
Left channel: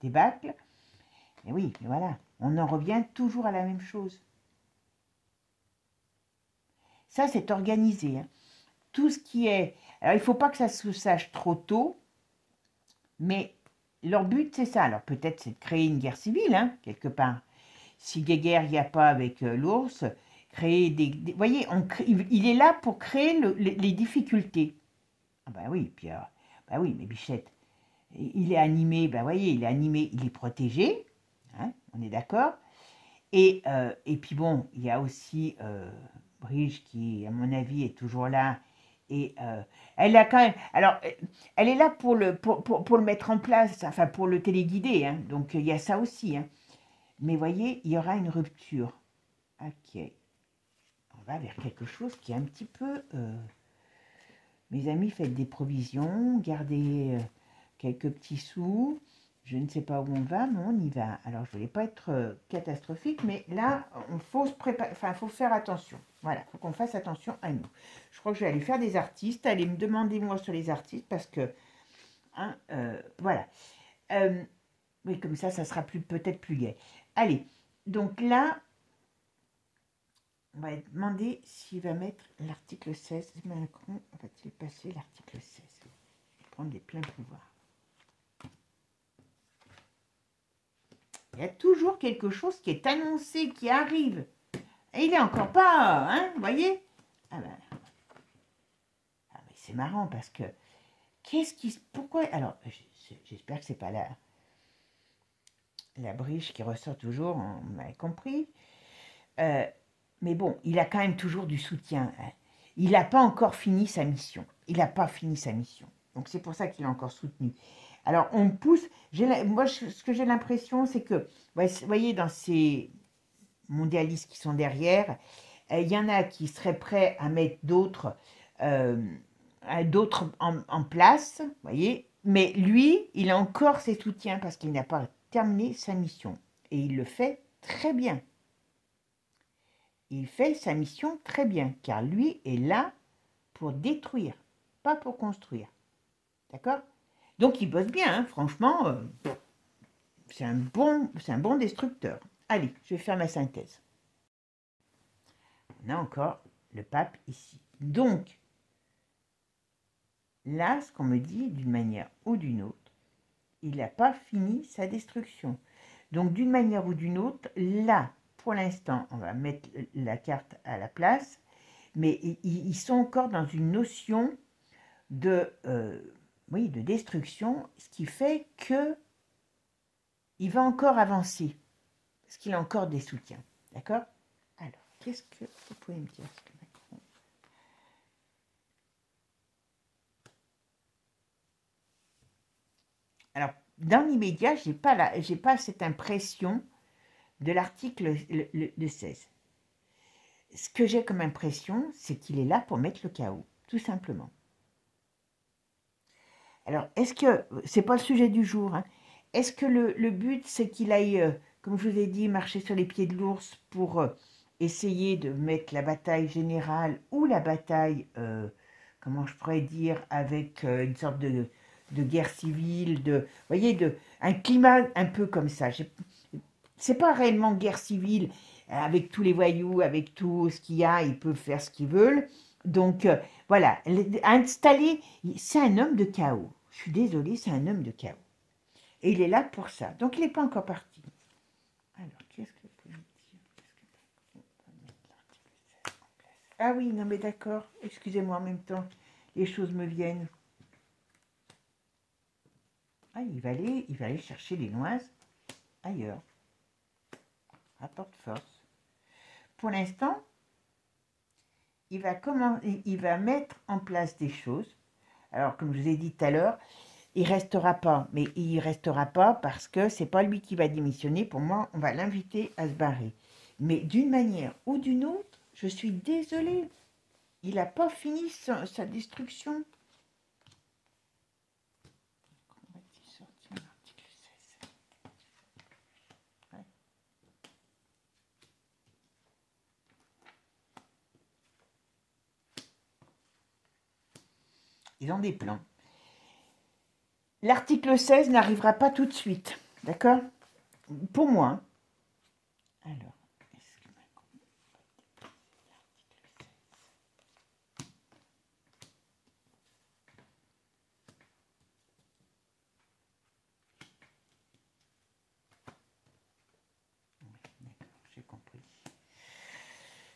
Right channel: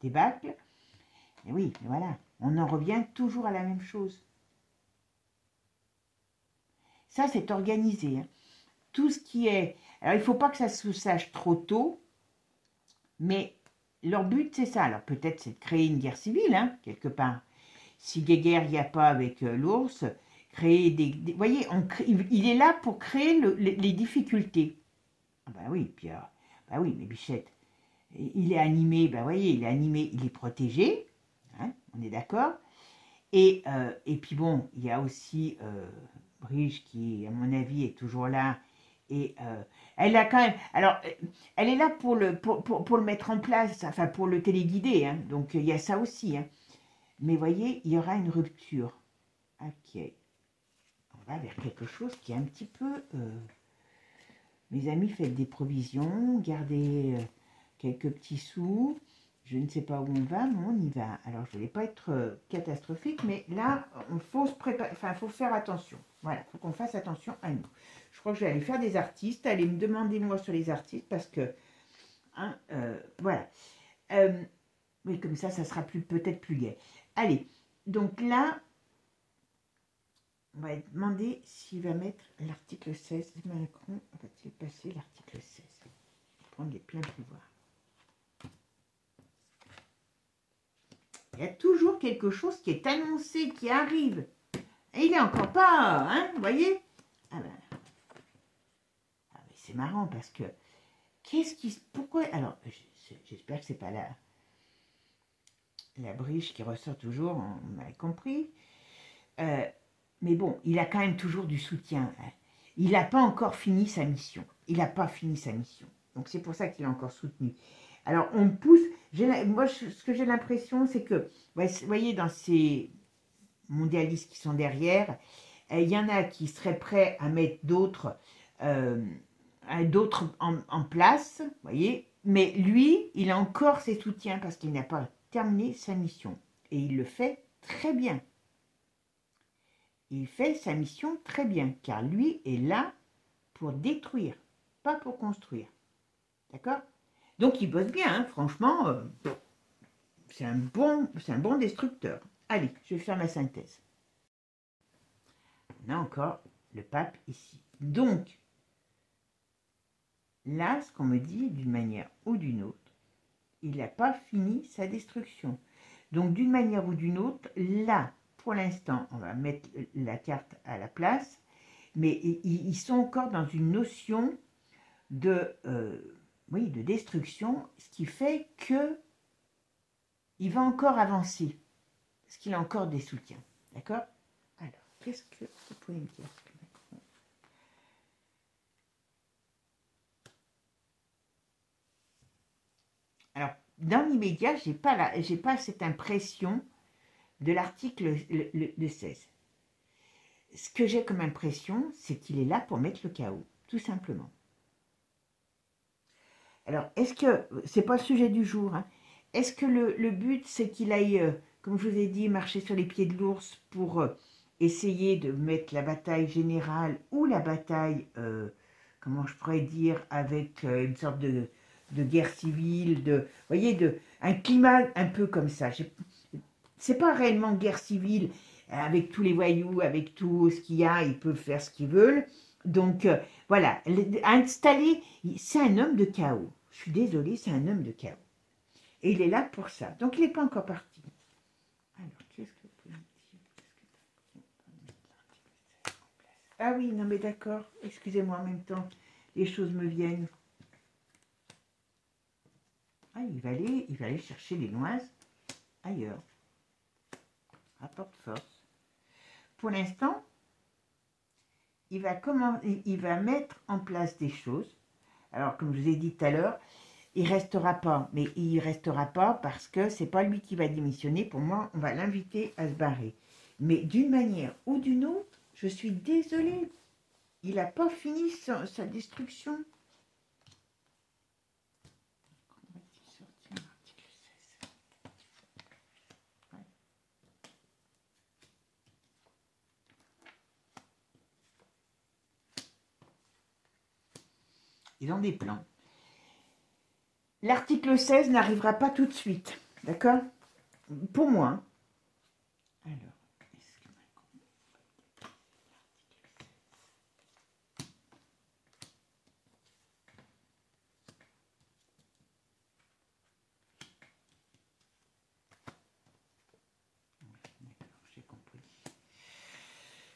débâcle. Et oui, voilà, on en revient toujours à la même chose. Ça, c'est organisé. Hein. Tout ce qui est... Alors, il ne faut pas que ça se sache trop tôt, mais leur but, c'est ça. Alors, peut-être, c'est de créer une guerre civile, hein, quelque part. Si guerre il n'y a pas avec l'ours, créer des... Vous voyez, il est là pour créer les difficultés. Ah ben oui, puis... ben oui, mais Bichette, il est animé, ben voyez, il est animé, il est protégé, hein, on est d'accord. Et puis bon, il y a aussi Brigitte qui, à mon avis, est toujours là. Et elle a quand même... Alors, elle est là pour le mettre en place, enfin pour le téléguider, hein, donc il y a ça aussi. Hein. Mais voyez, il y aura une rupture. Ok. On va vers quelque chose qui est un petit peu... mes amis, faites des provisions, gardez quelques petits sous. Je ne sais pas où on va, mais on y va. Alors, je ne voulais pas être catastrophique, mais là, il faut se préparer, enfin, il faut faire attention. Voilà, il faut qu'on fasse attention à nous. Je crois que je vais aller faire des artistes. Allez me demander moi sur les artistes, parce que, hein, voilà. Oui, comme ça sera peut-être plus gai. Allez, donc là, on va demander s'il va mettre l'article 16. Macron va-t-il passer l'article 16? Prendre les pleins pouvoirs. Il y a toujours quelque chose qui est annoncé, qui arrive. Et il n'est encore pas, hein, vous voyez? Ah ben, c'est marrant parce que, pourquoi, alors, j'espère que c'est pas la Briche qui ressort toujours, on m'avait compris. Mais bon, il a quand même toujours du soutien. Hein. Il n'a pas encore fini sa mission. Il n'a pas fini sa mission. Donc c'est pour ça qu'il est encore soutenu. Alors on pousse. Moi, ce que j'ai l'impression, c'est que, vous voyez, dans ces mondialistes qui sont derrière, il y en a qui seraient prêts à mettre d'autres en place, vous voyez. Mais lui, il a encore ses soutiens parce qu'il n'a pas terminé sa mission. Et il le fait très bien. Il fait sa mission très bien, car lui est là pour détruire, pas pour construire. D'accord? Donc il bosse bien, hein, franchement, c'est un bon destructeur. Allez, je vais faire ma synthèse. On a encore le pape ici. Donc, là, ce qu'on me dit, d'une manière ou d'une autre, il n'a pas fini sa destruction. Donc, d'une manière ou d'une autre, là, pour l'instant, on va mettre la carte à la place, mais ils sont encore dans une notion de, oui, de destruction, ce qui fait que il va encore avancer, parce qu'il a encore des soutiens. D'accord? Alors, qu'est-ce que vous pouvez me dire? Alors, dans l'immédiat, je n'ai pas cette impression de l'article le 16. Ce que j'ai comme impression, c'est qu'il est là pour mettre le chaos, tout simplement. Alors, est-ce que, c'est pas le sujet du jour, hein, est-ce que le but, c'est qu'il aille, comme je vous ai dit, marcher sur les pieds de l'ours pour essayer de mettre la bataille générale ou la bataille, comment je pourrais dire, avec une sorte de guerre civile, vous voyez, un climat un peu comme ça. C'est pas réellement guerre civile, avec tous les voyous, avec tout ce qu'il y a, ils peuvent faire ce qu'ils veulent. Donc, voilà, installer, c'est un homme de chaos. Je suis désolée, c'est un homme de chaos. Et il est là pour ça. Donc, il n'est pas encore parti. Alors, qu'est-ce que vous pouvez me dire? Ah oui, non mais d'accord. Excusez-moi, en même temps, les choses me viennent. Ah, il va aller chercher les noises ailleurs. Rapport de force. Pour l'instant, il va mettre en place des choses. Alors, comme je vous ai dit tout à l'heure, il restera pas. Mais il restera pas parce que c'est pas lui qui va démissionner. Pour moi, on va l'inviter à se barrer. Mais d'une manière ou d'une autre, je suis désolée. Il n'a pas fini sa destruction. Ils ont des plans. L'article 16 n'arrivera pas tout de suite. D'accord? Pour moi. Alors,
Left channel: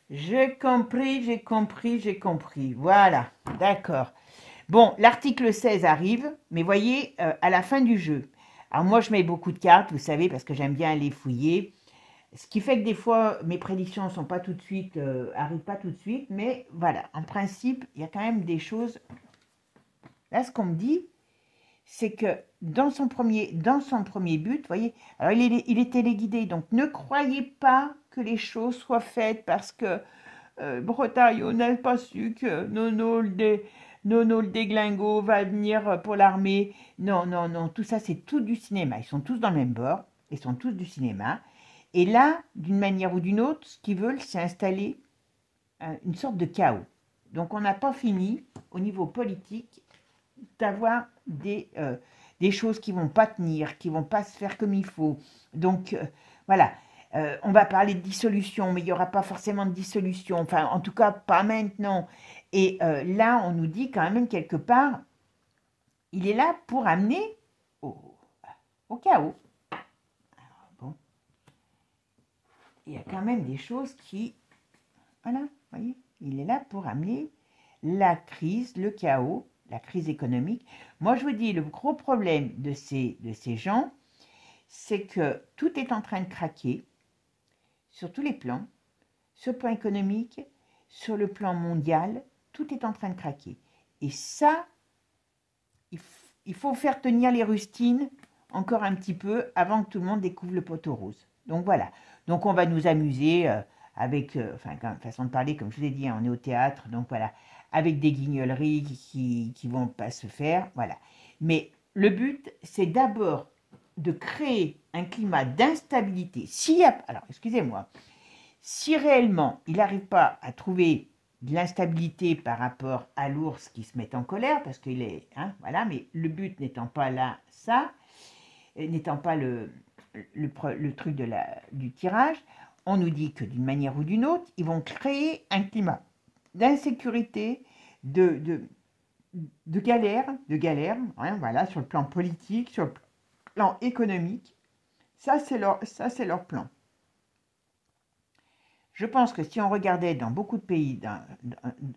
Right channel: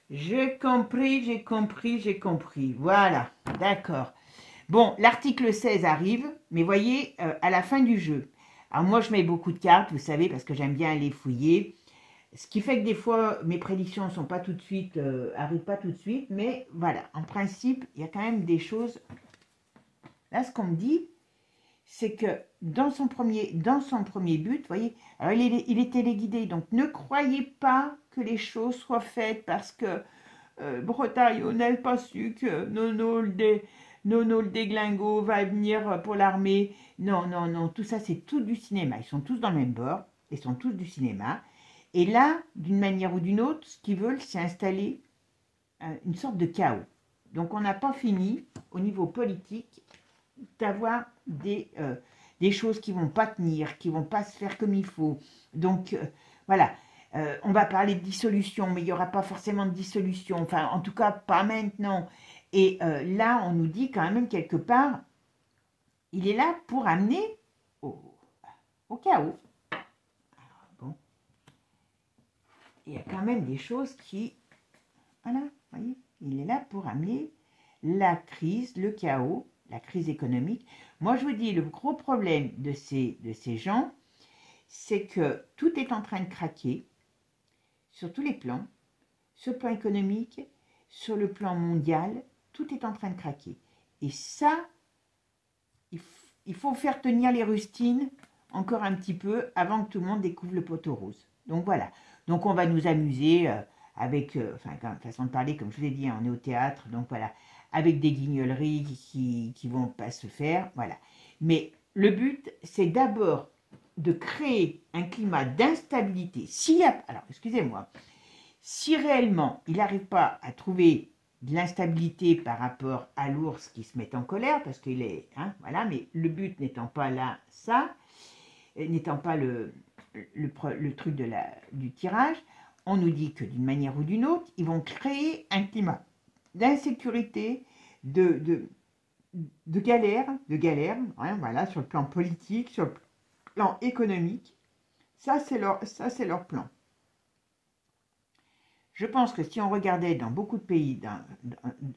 j'ai compris. Voilà, d'accord. Bon, l'article 16 arrive, mais voyez, à la fin du jeu. Alors moi, je mets beaucoup de cartes, vous savez, parce que j'aime bien les fouiller. Ce qui fait que des fois, mes prédictions ne sont pas tout de suite, arrivent pas tout de suite. Mais voilà, en principe, il y a quand même des choses. Là, ce qu'on me dit, c'est que dans son premier but, vous voyez, alors il est téléguidé, donc ne croyez pas que les choses soient faites parce que Bretagne, on n'a pas su que Nono le déglingo va venir pour l'armée. Non, non, non, tout ça c'est tout du cinéma. Ils sont tous dans le même bord, ils sont tous du cinéma. Et là, d'une manière ou d'une autre, ce qu'ils veulent, c'est installer une sorte de chaos. Donc on n'a pas fini, au niveau politique, d'avoir des choses qui ne vont pas tenir, qui ne vont pas se faire comme il faut. Donc, voilà. On va parler de dissolution, mais il n'y aura pas forcément de dissolution. Enfin, en tout cas, pas maintenant. Et là, on nous dit quand même quelque part, il est là pour amener au chaos. Alors, bon. Il y a quand même des choses qui... Voilà, vous voyez, il est là pour amener la crise, le chaos, la crise économique. Moi, je vous dis, le gros problème de ces gens, c'est que tout est en train de craquer sur tous les plans, sur le plan économique, sur le plan mondial, tout est en train de craquer. Et ça, il faut faire tenir les rustines encore un petit peu avant que tout le monde découvre le poteau rose. Donc voilà. Donc on va nous amuser avec, enfin, façon de parler, comme je vous ai dit, hein, on est au théâtre, donc voilà, avec des guignoleries qui vont pas se faire, voilà. Mais le but, c'est d'abord de créer un climat d'instabilité. Alors, excusez-moi, si réellement il n'arrive pas à trouver de l'instabilité par rapport à l'ours qui se met en colère, parce qu'il est, hein, voilà, mais le but n'étant pas là, ça, n'étant pas le truc du tirage, on nous dit que d'une manière ou d'une autre, ils vont créer un climat d'insécurité, galère, hein, voilà, sur le plan politique, sur le plan économique. Ça, c'est leur plan. Je pense que si on regardait dans beaucoup de pays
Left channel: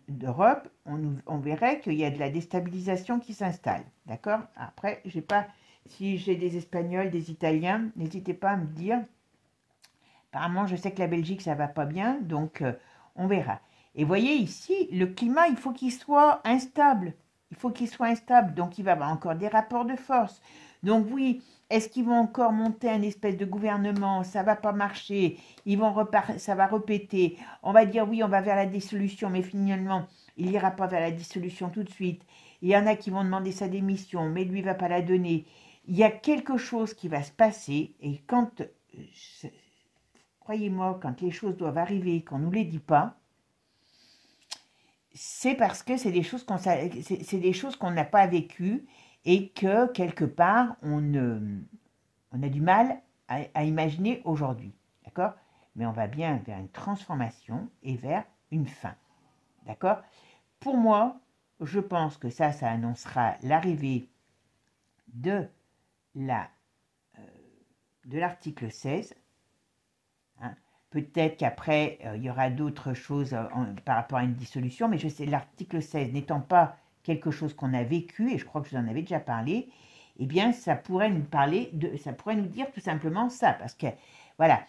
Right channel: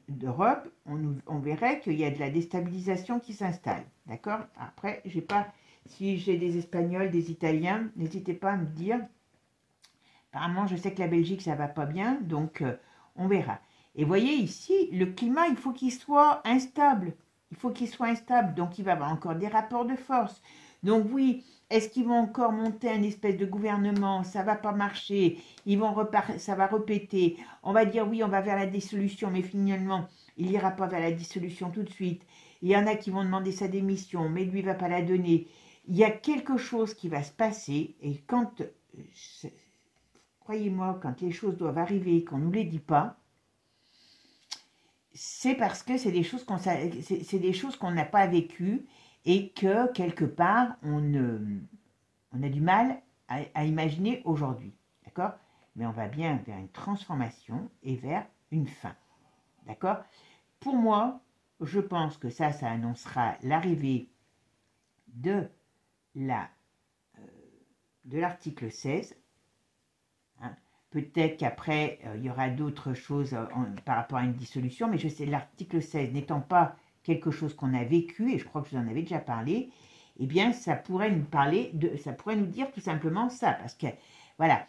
d'Europe, on verrait qu'il y a de la déstabilisation qui s'installe. D'accord? Après, si j'ai des Espagnols, des Italiens, n'hésitez pas à me dire. Apparemment, je sais que la Belgique, ça va pas bien, donc on verra. Et voyez ici, le climat, il faut qu'il soit instable. Il faut qu'il soit instable, donc il va y avoir encore des rapports de force. Donc oui, est-ce qu'ils vont encore monter un espèce de gouvernement? Ça va pas marcher, ça va répéter. On va dire oui, on va vers la dissolution, mais finalement, il n'ira pas vers la dissolution tout de suite. Il y en a qui vont demander sa démission, mais lui ne va pas la donner. Il y a quelque chose qui va se passer, et croyez-moi, quand les choses doivent arriver, qu'on ne nous les dit pas, c'est parce que c'est des choses qu'on n'a pas vécues et que, quelque part, on a du mal à imaginer aujourd'hui. D'accord? Mais on va bien vers une transformation et vers une fin. D'accord? Pour moi, je pense que ça annoncera l'arrivée de l'article 16. Hein. Peut-être qu'après, il y aura d'autres choses par rapport à une dissolution, mais je sais, l'article 16 n'étant pas quelque chose qu'on a vécu, et je crois que je vous en avais déjà parlé, eh bien, ça pourrait nous dire tout simplement ça, parce que, voilà,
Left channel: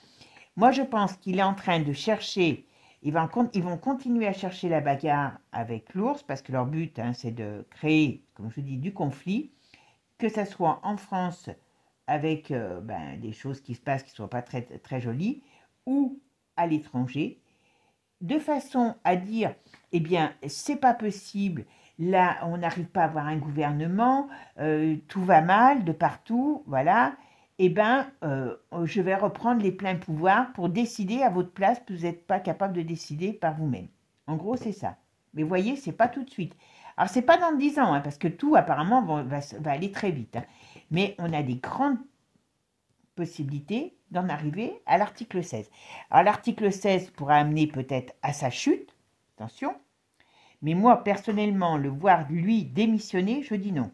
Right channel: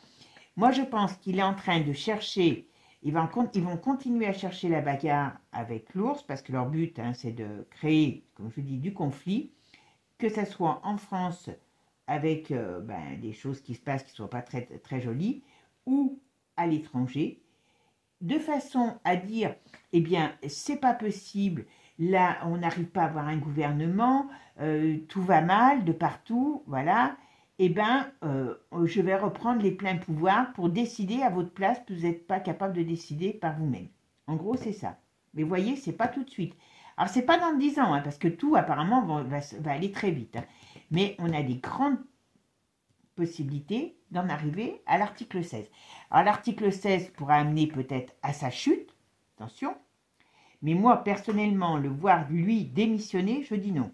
moi je pense qu'il est en train de chercher, ils vont continuer à chercher la bagarre avec l'ours, parce que leur but, hein, c'est de créer, comme je vous dis, du conflit, que ça soit en France, avec des choses qui se passent qui ne soient pas très, très jolies, ou à l'étranger, de façon à dire, eh bien, c'est pas possible, là, on n'arrive pas à avoir un gouvernement, tout va mal de partout, voilà, eh bien, je vais reprendre les pleins pouvoirs pour décider à votre place, que vous n'êtes pas capable de décider par vous-même. En gros, c'est ça. Mais vous voyez, c'est pas tout de suite. Alors, c'est pas dans 10 ans, hein, parce que tout, apparemment, va aller très vite. Hein. Mais on a des grandes possibilité d'en arriver à l'article 16. Alors l'article 16 pourra amener peut-être à sa chute, attention, mais moi personnellement, le voir lui démissionner, je dis non.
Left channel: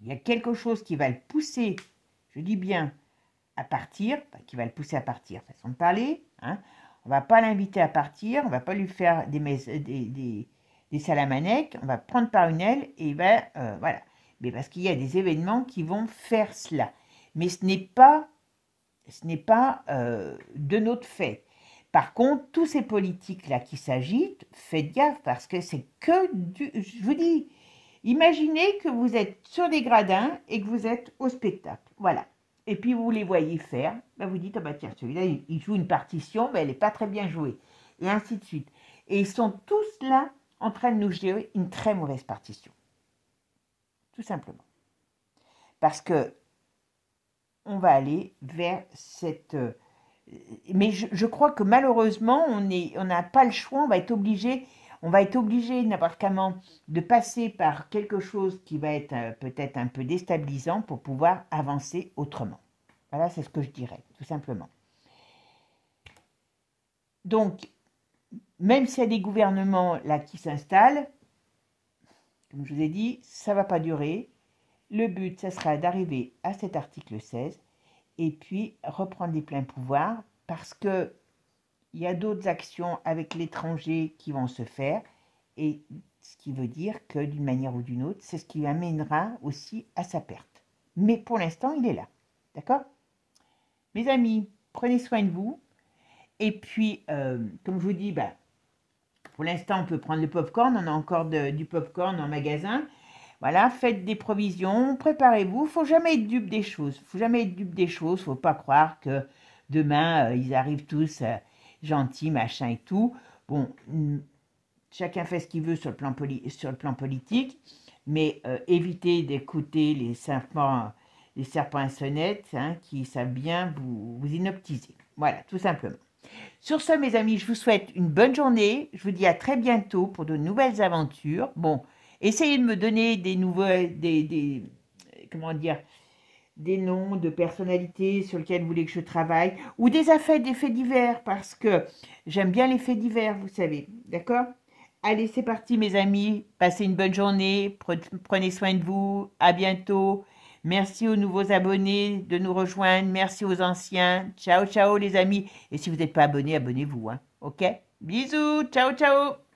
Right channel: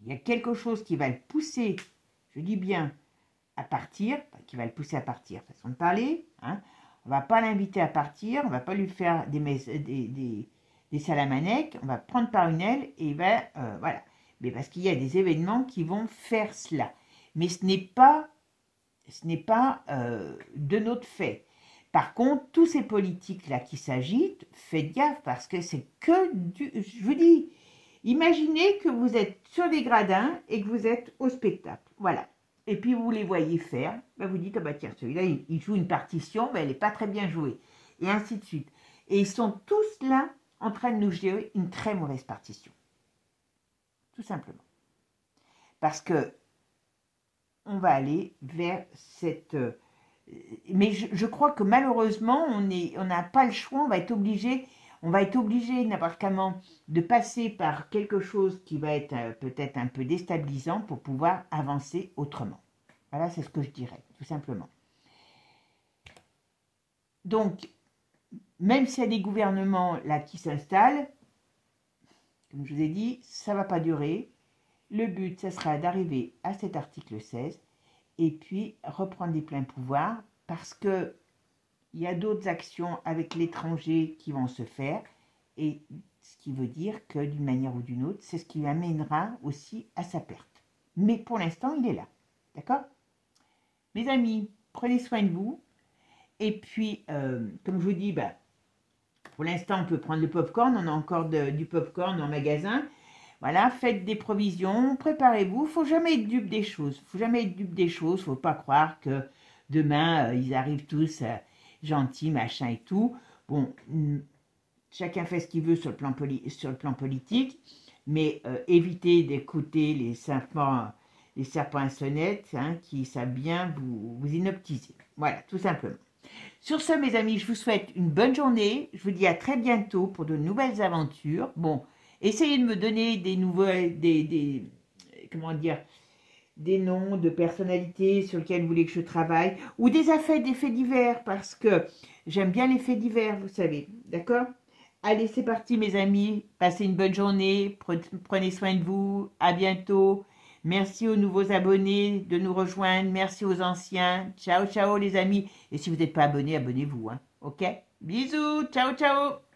Il y a quelque chose qui va le pousser, je dis bien, à partir, qui va le pousser à partir, façon de parler, hein. On ne va pas l'inviter à partir, on ne va pas lui faire des salamanèques, on va prendre par une aile et voilà. Mais parce qu'il y a des événements qui vont faire cela. Mais ce n'est pas de notre fait. Par contre, tous ces politiques-là qui s'agitent, faites gaffe parce que c'est que je vous dis, imaginez que vous êtes sur des gradins et que vous êtes au spectacle. Voilà. Et puis vous les voyez faire, vous dites, tiens, celui-là, il joue une partition, mais elle n'est pas très bien jouée. Et ainsi de suite. Et ils sont tous là en train de nous jouer une très mauvaise partition. Tout simplement. Parce que on va aller vers cette... Mais je crois que malheureusement, on n'a pas le choix, on va être obligé n'importe comment de passer par quelque chose qui va être peut-être un peu déstabilisant pour pouvoir avancer autrement. Voilà, c'est ce que je dirais, tout simplement. Donc, même s'il y a des gouvernements là qui s'installent, comme je vous ai dit, ça ne va pas durer. Le but, ça sera d'arriver à cet article 16 et puis reprendre les pleins pouvoirs parce qu'il y a d'autres actions avec l'étranger qui vont se faire et ce qui veut dire que d'une manière ou d'une autre, c'est ce qui amènera aussi à sa perte. Mais pour l'instant, il est là. D'accord? Mes amis, prenez soin de vous. Et puis, comme je vous dis, pour l'instant, on peut prendre le popcorn. On a encore du popcorn en magasin. Voilà, faites des provisions, préparez-vous. Il ne faut jamais être dupe des choses. Il ne faut pas croire que demain, ils arrivent tous gentils, machin et tout. Bon, chacun fait ce qu'il veut sur le plan politique, mais évitez d'écouter les serpents à sonnettes qui savent bien vous inoptiser. Voilà, tout simplement. Sur ce, mes amis, je vous souhaite une bonne journée. Je vous dis à très bientôt pour de nouvelles aventures. Bon, essayez de me donner des noms de personnalités sur lesquelles vous voulez que je travaille, ou des faits divers, parce que j'aime bien les faits divers, vous savez, d'accord? Allez, c'est parti, mes amis. Passez une bonne journée. Prenez soin de vous. À bientôt. Merci aux nouveaux abonnés de nous rejoindre. Merci aux anciens. Ciao, ciao, les amis. Et si vous n'êtes pas abonné, abonnez-vous. Hein. OK? Bisous. Ciao, ciao.